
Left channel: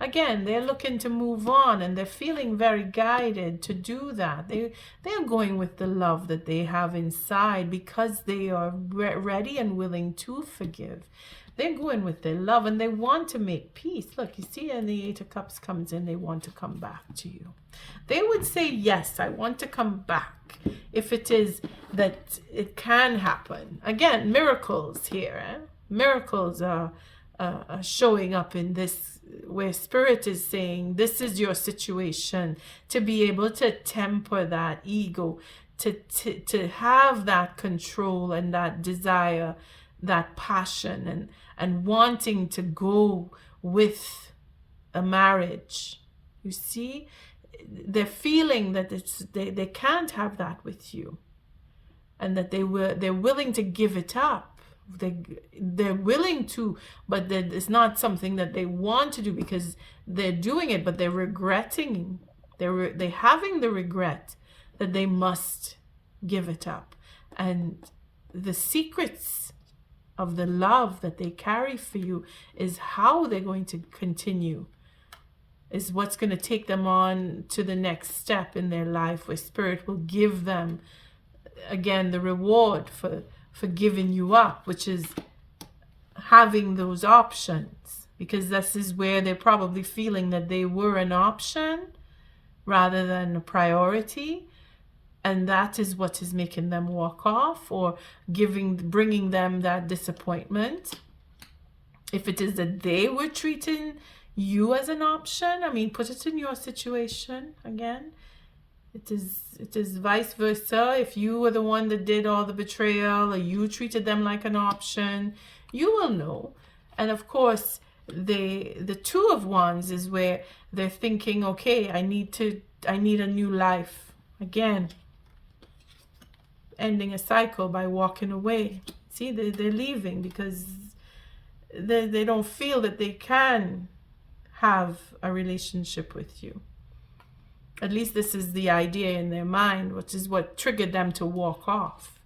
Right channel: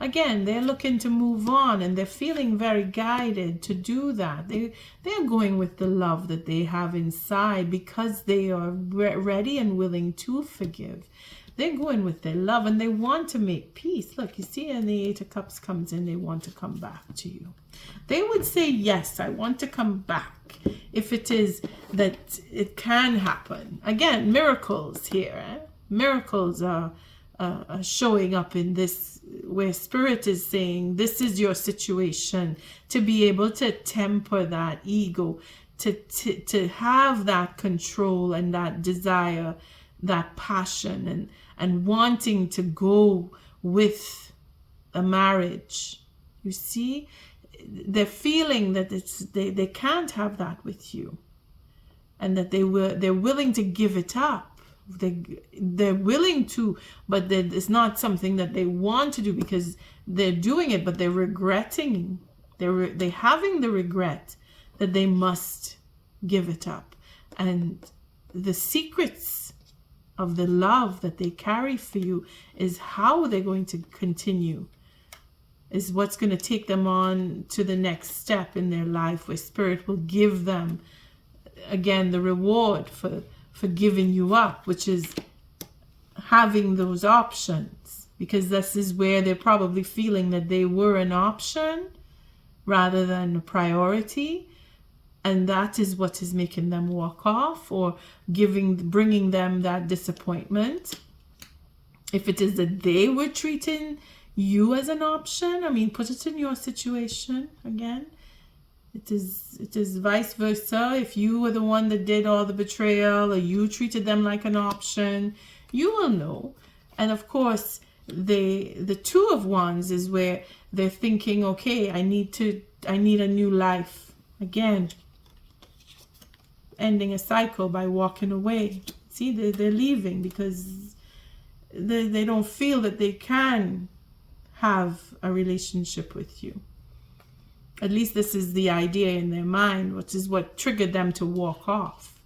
Again, they're looking to move on, and they're feeling very guided to do that. They are going with the love that they have inside, because they are ready and willing to forgive. They're going with their love, and they want to make peace. Look, you see, and the Eight of Cups comes in. They want to come back to you. They would say, yes, I want to come back, if it is that it can happen. Again, miracles here. Miracles are showing up in this, where Spirit is saying, this is your situation, to be able to temper that ego, to have that control and that desire, that passion, and wanting to go with a marriage. You see, they're feeling that they can't have that with you, and that they're willing to give it up. They're willing to, but that it's not something that they want to do, because they're doing it, but they're regretting. They're having the regret that they must give it up, and the secrets of the love that they carry for you is how they're going to continue, is what's going to take them on to the next step in their life, where Spirit will give them, again, the reward for giving you up, which is having those options, because this is where they're probably feeling that they were an option rather than a priority. And that is what is making them walk off, or bringing them that disappointment. If it is that they were treating you as an option, I mean, put it in your situation again. It is vice versa. If you were the one that did all the betrayal, or you treated them like an option, you will know. And of course, the Two of Wands is where they're thinking, okay, I need a new life. Again, ending a cycle by walking away. See, they're leaving because they don't feel that they can have a relationship with you. At least this is the idea in their mind, which is what triggered them to walk off.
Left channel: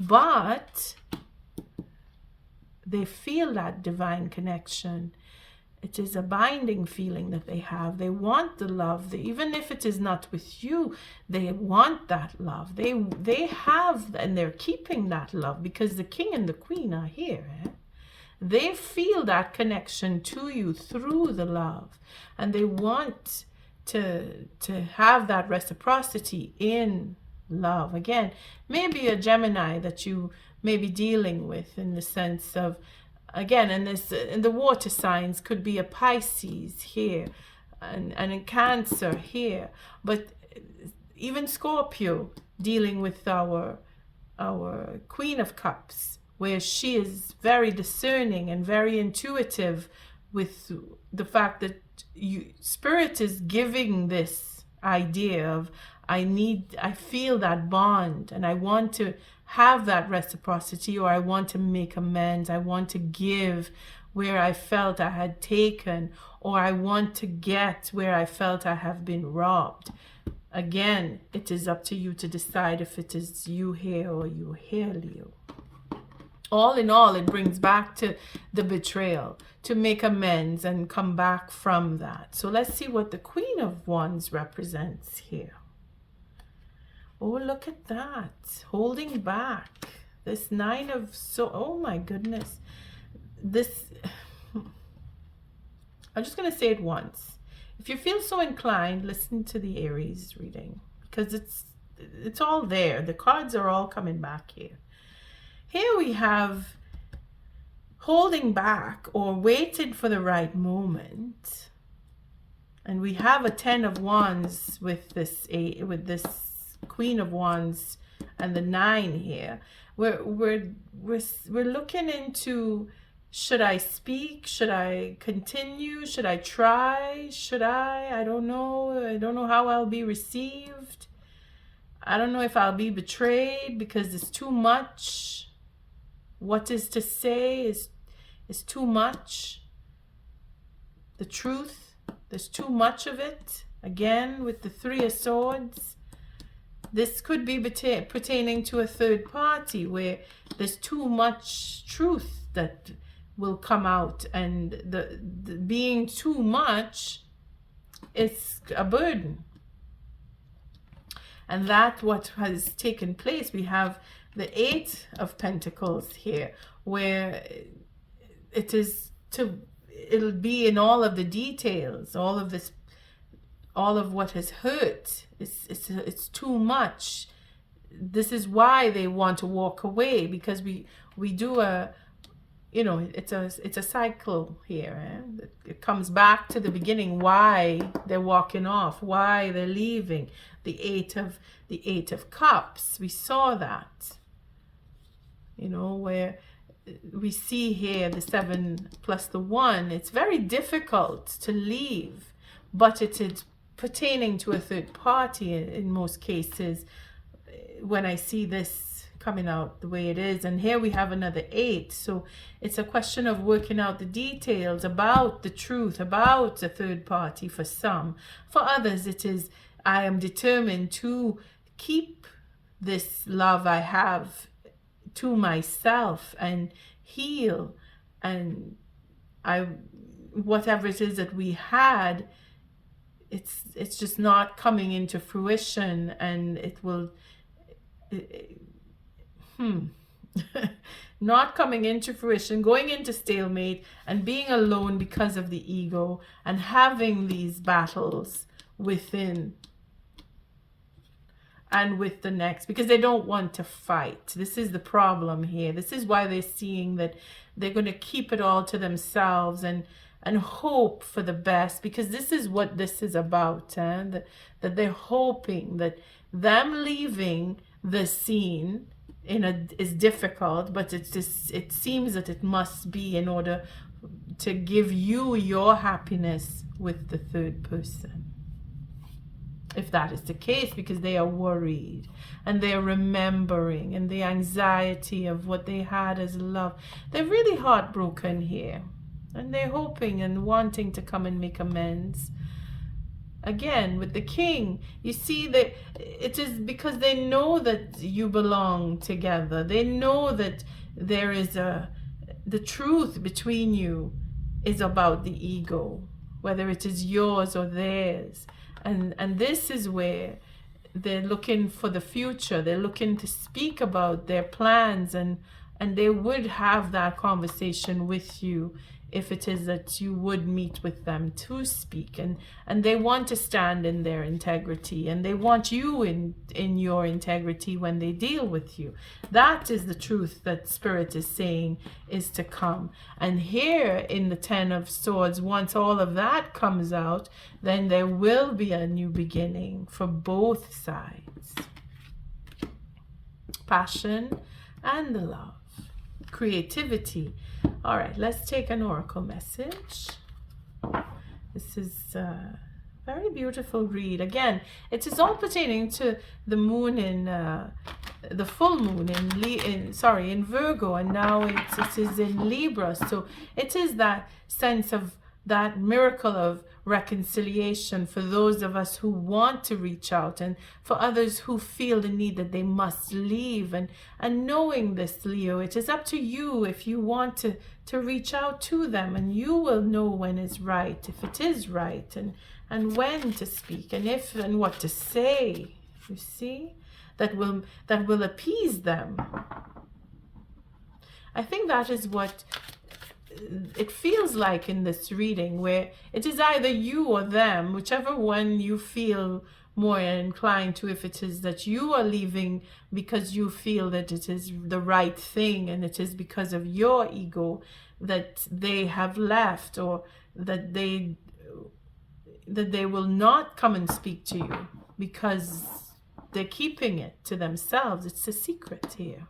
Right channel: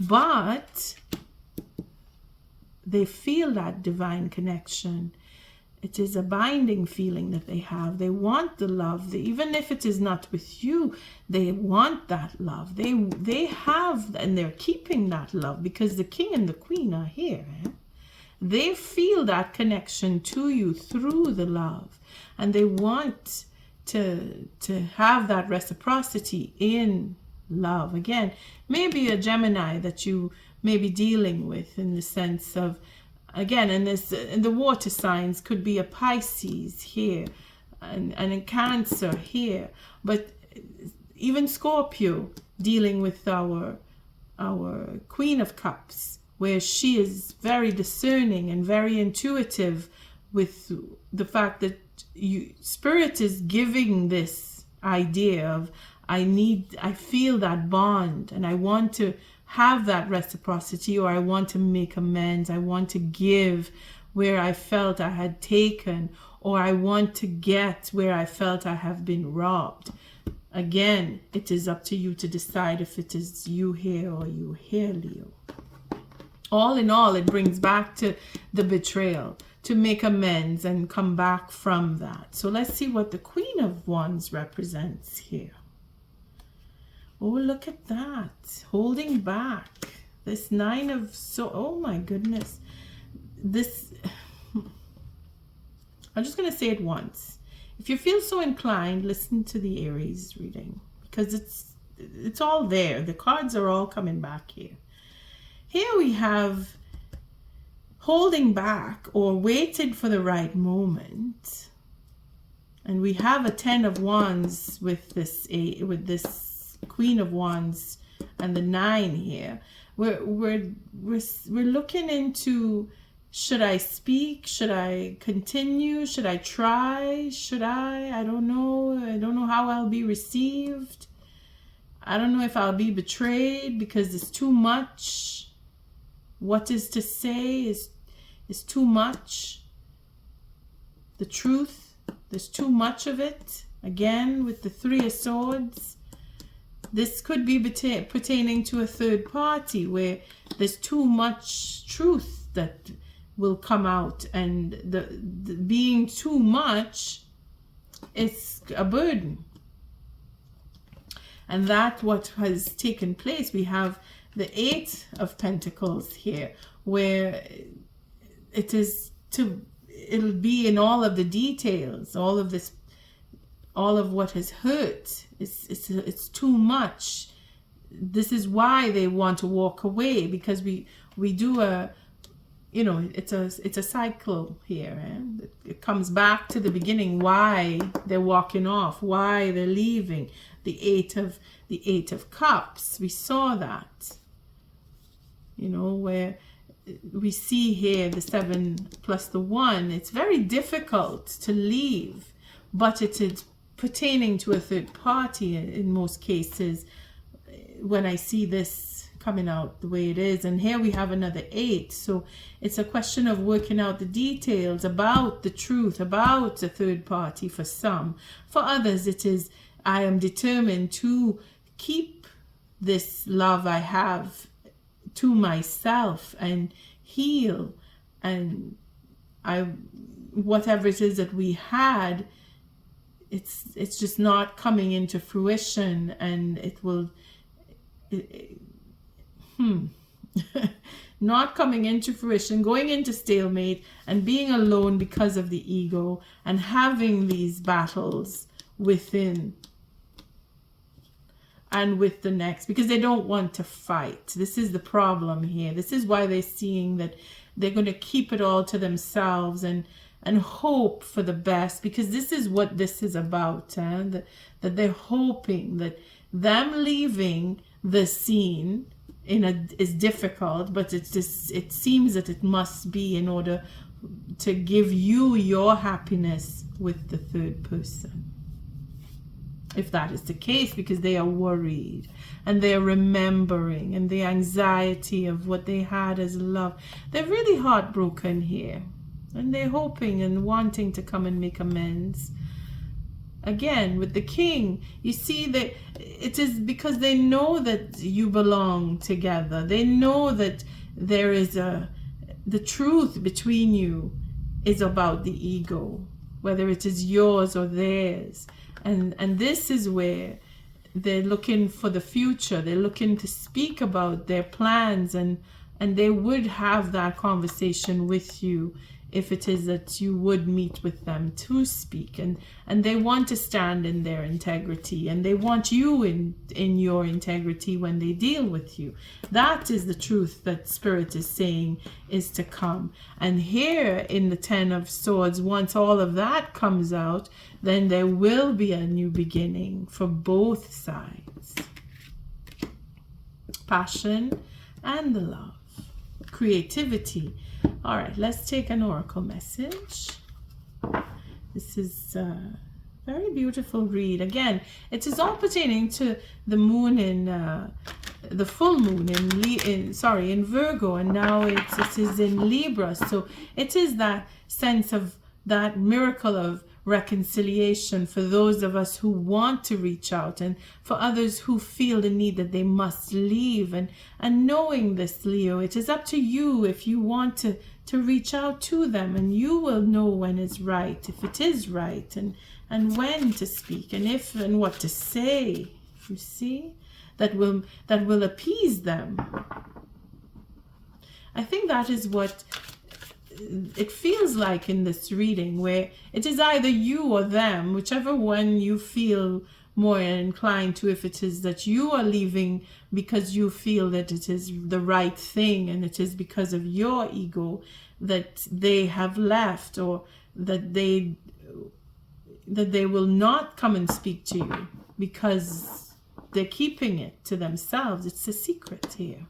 But they feel that divine connection. It is a binding feeling that they have. They want the love. Even if it is not with you, they want that love. They have, and they're keeping that love because the king and the queen are here. They feel that connection to you through the love, and they want to have that reciprocity in love. Again, maybe a Gemini that you may be dealing with, in the sense of, again, and this in the water signs could be a Pisces here, and a Cancer here, but even Scorpio dealing with our Queen of Cups, where she is very discerning and very intuitive with the fact that Spirit is giving this idea of, I feel that bond, and I want to have that reciprocity, or I want to make amends. I want to give where I felt I had taken, or I want to get where I felt I have been robbed. Again, it is up to you to decide if it is you here or you here, Leo. All in all, it brings back to the betrayal, to make amends and come back from that. So let's see what the Queen of Wands represents here. Oh, look at that. Holding back. This Nine of oh my goodness. This, I'm just going to say it once. If you feel so inclined, listen to the Aries reading, because it's all there. The cards are all coming back here. Here we have holding back or waited for the right moment. And we have a Ten of Wands with this Queen of Wands and the 9 here. We're looking into, should I speak? Should I continue? Should I try? Should I don't know. I don't know how I'll be received. I don't know if I'll be betrayed because it's too much. What is to say is too much. The truth, there's too much of it. Again, with the Three of Swords. This could be pertaining to a third party where there's too much truth that will come out, and the being too much is a burden. And that's what has taken place. We have the Eight of Pentacles here, where it'll be in all of the details, all of what has hurt. It's too much. This is why they want to walk away, because we do it's a cycle here. It comes back to the beginning, why they're walking off, why they're leaving. The Eight of Cups, we saw that, where we see here the 7 plus the 1. It's very difficult to leave, but it is pertaining to a third party in most cases when I see this coming out the way it is. And here we have another 8, so it's a question of working out the details about the truth, about the third party for some. For others, it is, I am determined to keep this love I have to myself and heal, and whatever it is that we had, it's just not coming into fruition, and it will not coming into fruition, going into stalemate and being alone because of the ego, and having these battles within and with the next, because they don't want to fight. This is the problem here. This is why they're seeing that they're going to keep it all to themselves and hope for the best, because this is what this is about, that they're hoping that them leaving the scene is difficult, but it seems that it must be in order to give you your happiness with the third person. If that is the case, because they are worried and they are remembering, and the anxiety of what they had as love. They're really heartbroken here, and they're hoping and wanting to come and make amends. Again, with the King, you see that it is because they know that you belong together. They know that there is the truth between you is about the ego, whether it is yours or theirs. And this is where they're looking for the future. They're looking to speak about their plans, and they would have that conversation with you if it is that you would meet with them to speak. And they want to stand in their integrity, and they want you in your integrity when they deal with you. That is the truth that Spirit is saying is to come. And here in the Ten of Swords, once all of that comes out, then there will be a new beginning for both sides. Passion and the love. Creativity. All right, let's take an oracle message. This is a very beautiful read. Again, it is all pertaining to the moon in the full moon in Virgo, and now it is in Libra. So it is that sense of that miracle of reconciliation for those of us who want to reach out, and for others who feel the need that they must leave. And knowing this, Leo, it is up to you if you want to reach out to them, and you will know when it's right, if it is right, and when to speak, and if and what to say. You see, that will appease them. I think that is what it feels like in this reading, where it is either you or them, whichever one you feel more inclined to. If it is that you are leaving because you feel that it is the right thing, and it is because of your ego that they have left, or that they will not come and speak to you because they're keeping it to themselves. It's a secret here.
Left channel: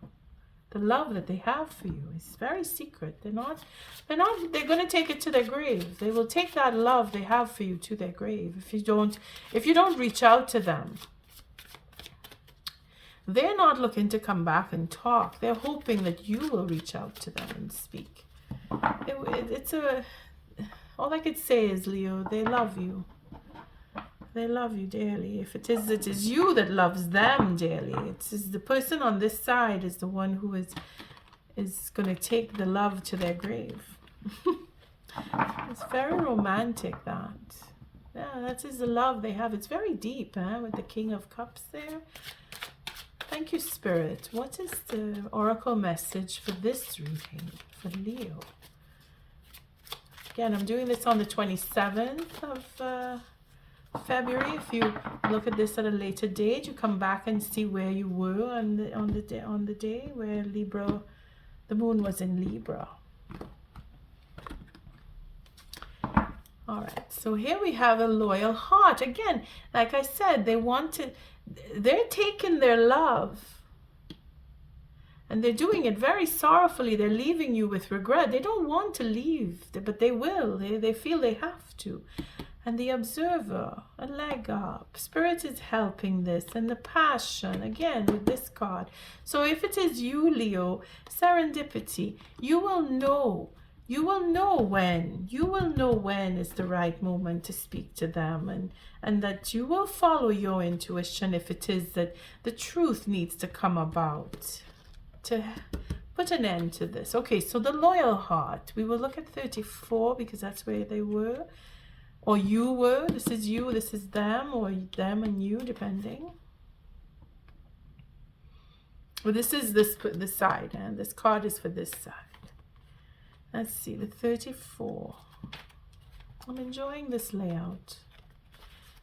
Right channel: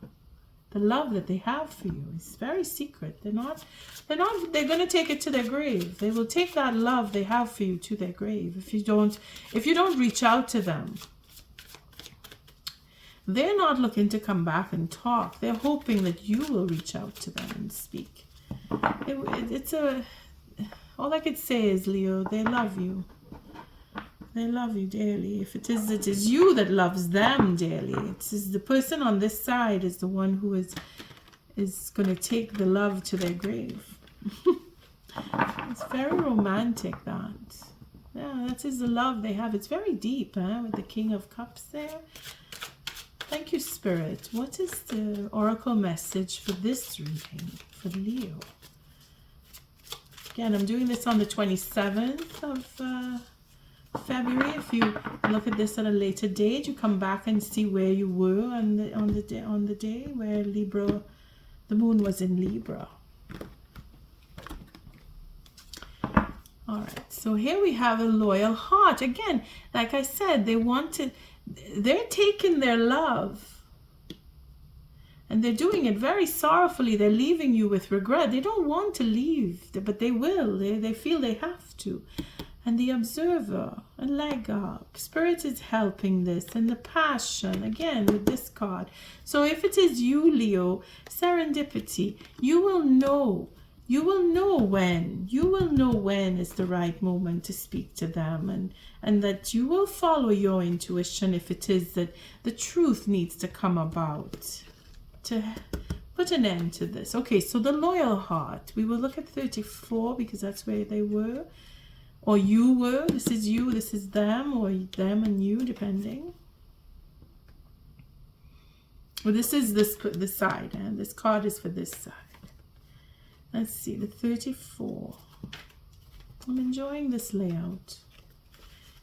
The love that they have for you is very secret. They're going to take it to their grave. They will take that love they have for you to their grave if you don't reach out to them. They're not looking to come back and talk. They're hoping that you will reach out to them and speak. All I could say is, Leo, they love you. They love you dearly. If it is you that loves them dearly. It is the person on this side is the one who is going to take the love to their grave. It's very romantic, that. Yeah, that is the love they have. It's very deep, with the King of Cups there. Thank you, Spirit. What is the oracle message for this reading for Leo? Again, I'm doing this on the 27th of February. If you look at this at a later date, you come back and see where you were on the day where the moon was in Libra. All right, so here we have a loyal heart. Again, like I said, they're taking their love, and they're doing it very sorrowfully. They're leaving you with regret. They don't want to leave, but they will. They feel they have to. And the observer, a leg up. Spirit is helping this. And the passion, again, with this card. So if it is you, Leo, serendipity, you will know. You will know when. You will know when is the right moment to speak to them. And that you will follow your intuition if it is that the truth needs to come about to put an end to this. Okay, so the loyal heart. We will look at 34 because that's where they were. Or you were. This is you, this is them, or them and you, depending. Well, this is this side, and this card is for this side. Let's see, the 34. I'm enjoying this layout.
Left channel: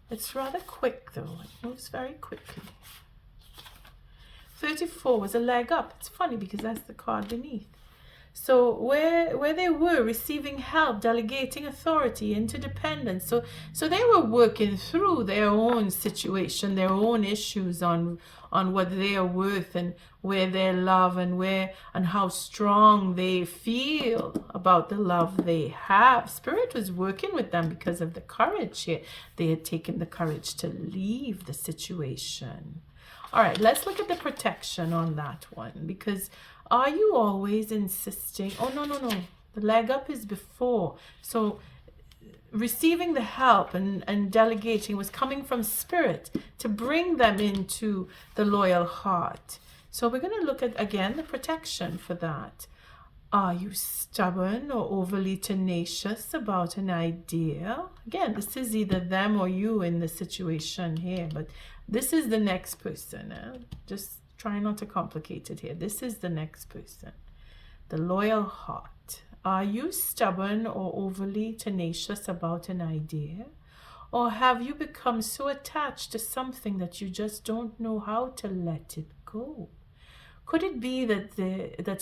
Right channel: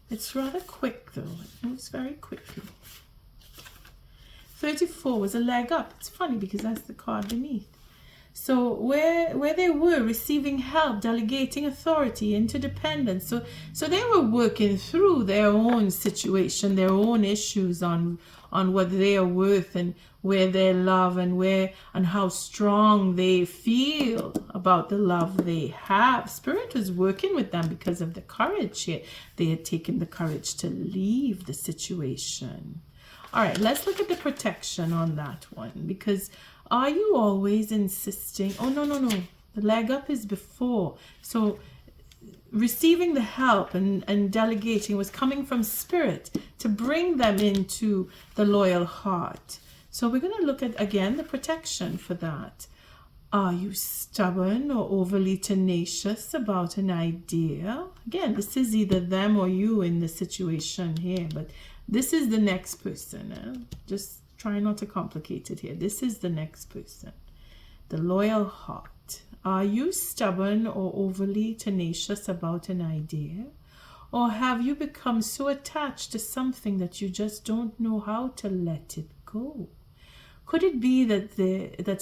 It's rather quick, though. It moves very quickly. 34 was a leg up. It's funny because that's the card beneath. So where they were receiving help, delegating authority, interdependence. So they were working through their own situation, their own issues on what they are worth, and where their love, and how strong they feel about the love they have. Spirit was working with them because of the courage here. They had taken the courage to leave the situation. All right, let's look at the protection on that one, because are you always insisting? Oh, no. The leg up is before. So receiving the help and delegating was coming from Spirit to bring them into the loyal heart. So we're going to look at, again, the protection for that. Are you stubborn or overly tenacious about an idea? Again, this is either them or you in the situation here, but this is the next person. Just try not to complicate it here. This is the next person. The loyal heart. Are you stubborn or overly tenacious about an idea? Or have you become so attached to something that you just don't know how to let it go? Could it be that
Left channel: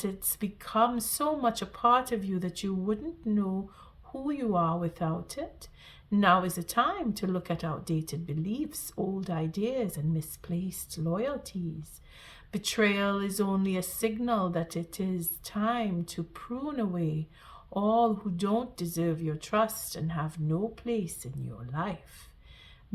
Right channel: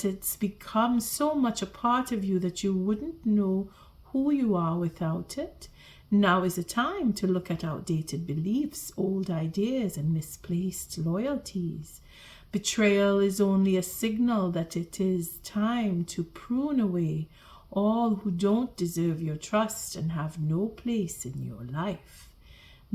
it's become so much a part of you that you wouldn't know who you are without it? Now is the time to look at outdated beliefs, old ideas, and misplaced loyalties. Betrayal is only a signal that it is time to prune away all who don't deserve your trust and have no place in your life.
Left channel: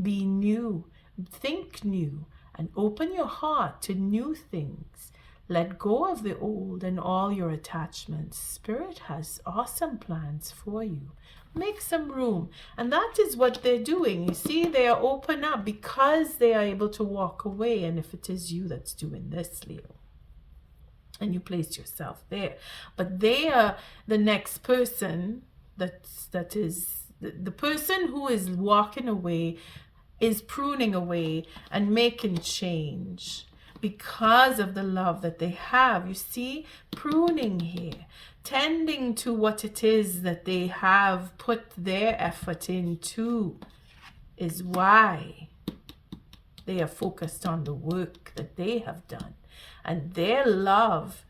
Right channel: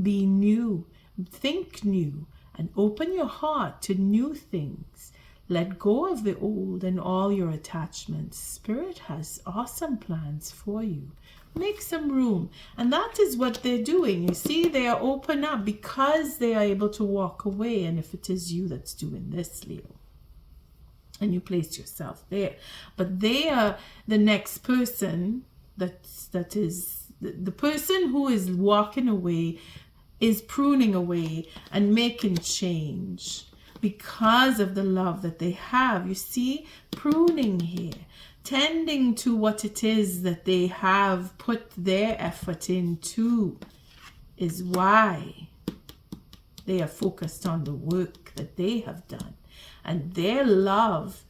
Be new, think new, and open your heart to new things. Let go of the old and all your attachments. Spirit has awesome plans for you. Make some room. And that is what they're doing. You see, they are open up because they are able to walk away. And if it is you that's doing this, Leo, and you place yourself there. But they are the next person that is the person who is walking away, is pruning away and making change because of the love that they have. You see, pruning here, tending to what it is that they have put their effort into is why they are focused on the work that they have done. And their love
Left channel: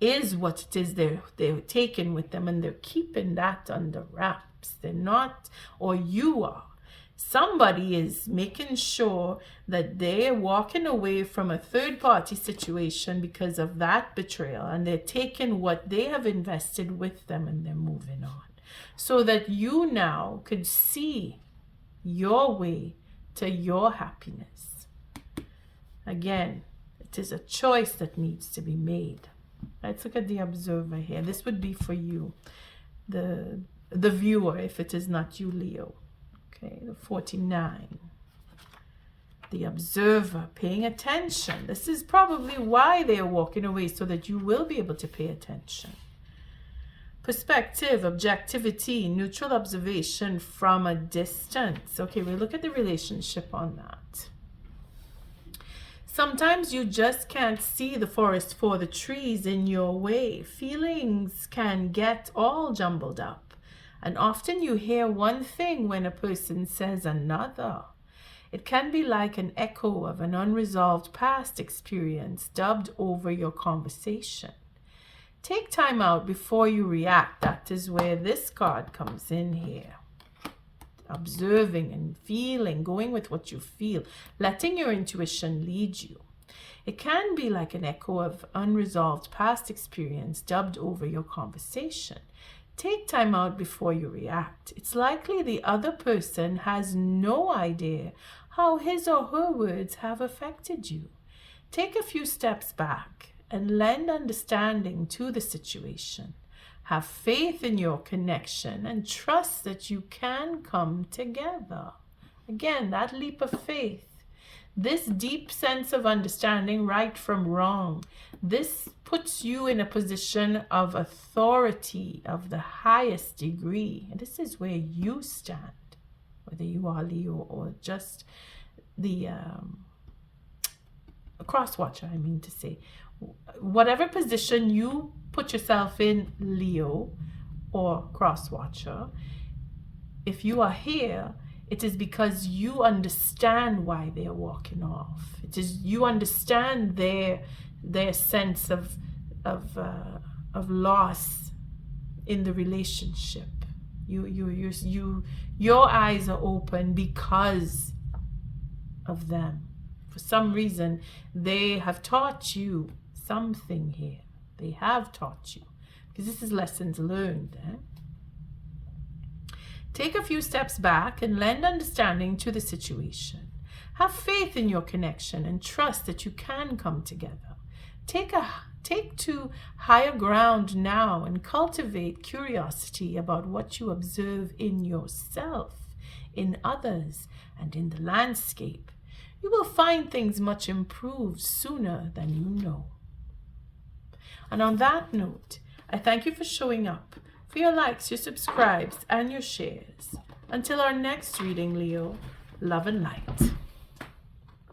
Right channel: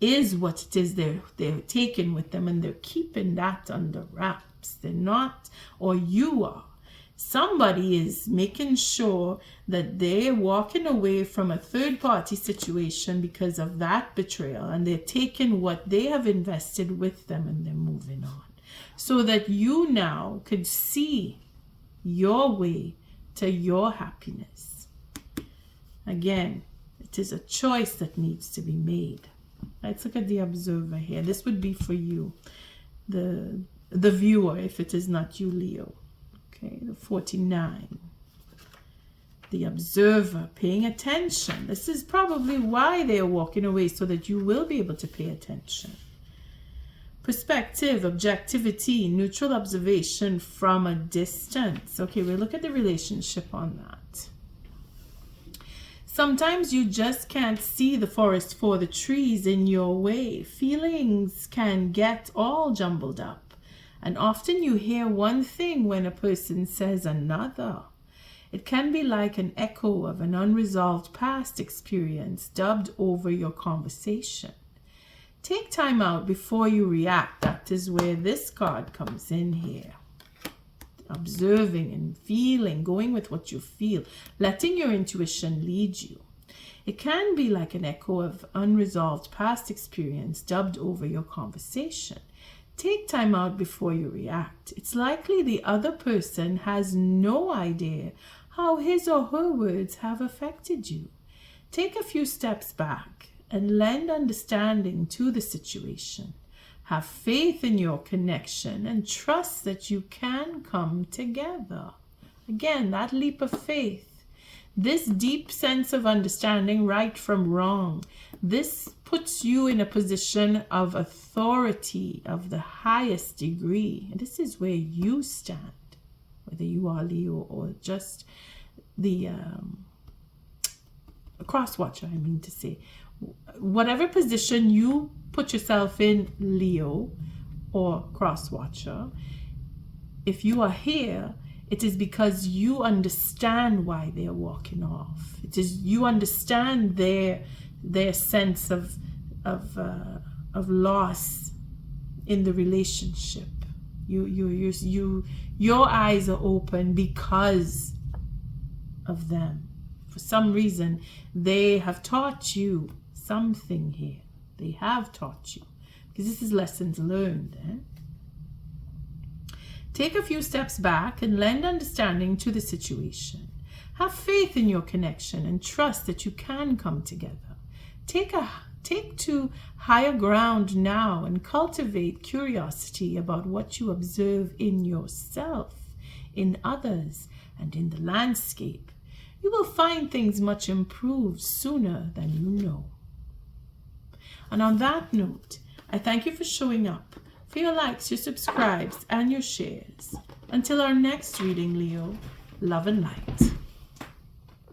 is what it is they're taking with them, and they're keeping that under wraps. They're not, or you are. Somebody is making sure that they're walking away from a third-party situation because of that betrayal, and they're taking what they have invested with them and they're moving on. So that you now could see your way to your happiness. Again, it is a choice that needs to be made. Let's look at the observer here. This would be for you, the viewer, if it is not you, Leo. Okay, the 49. The observer, paying attention. This is probably why they are walking away, so that you will be able to pay attention. Perspective, objectivity, neutral observation from a distance. Okay, we'll look at the relationship on that. Sometimes you just can't see the forest for the trees in your way. Feelings can get all jumbled up. And often you hear one thing when a person says another. It can be like an echo of an unresolved past experience dubbed over your conversation. Take time out before you react. That is where this card comes in here. Observing and feeling, going with what you feel, letting your intuition lead you. It can be like an echo of unresolved past experience dubbed over your conversation. Take time out before you react. It's likely the other person has no idea how his or her words have affected you. Take a few steps back and lend understanding to the situation. Have faith in your connection and trust that you can come together. Again, that leap of faith. This deep sense of understanding right from wrong. This puts you in a position of authority of the highest degree. And this is where you stand, whether you are Leo or just the cross-watcher, I mean to say. Whatever position you put yourself in, Leo or cross-watcher, if you are here, it is because you understand why they're walking off. It is you understand their sense of loss in the relationship. Your eyes are open because of them. For some reason, they have taught you something here. They have taught you, because this is lessons learned. Take a few steps back and lend understanding to the situation. Have faith in your connection and trust that you can come together. Take to higher ground now and cultivate curiosity about what you observe in yourself, in others, and in the landscape. You will find things much improved sooner than you know. And on that note, I thank you for showing up, for your likes, your subscribes, and your shares. Until our next reading, Leo, love and light.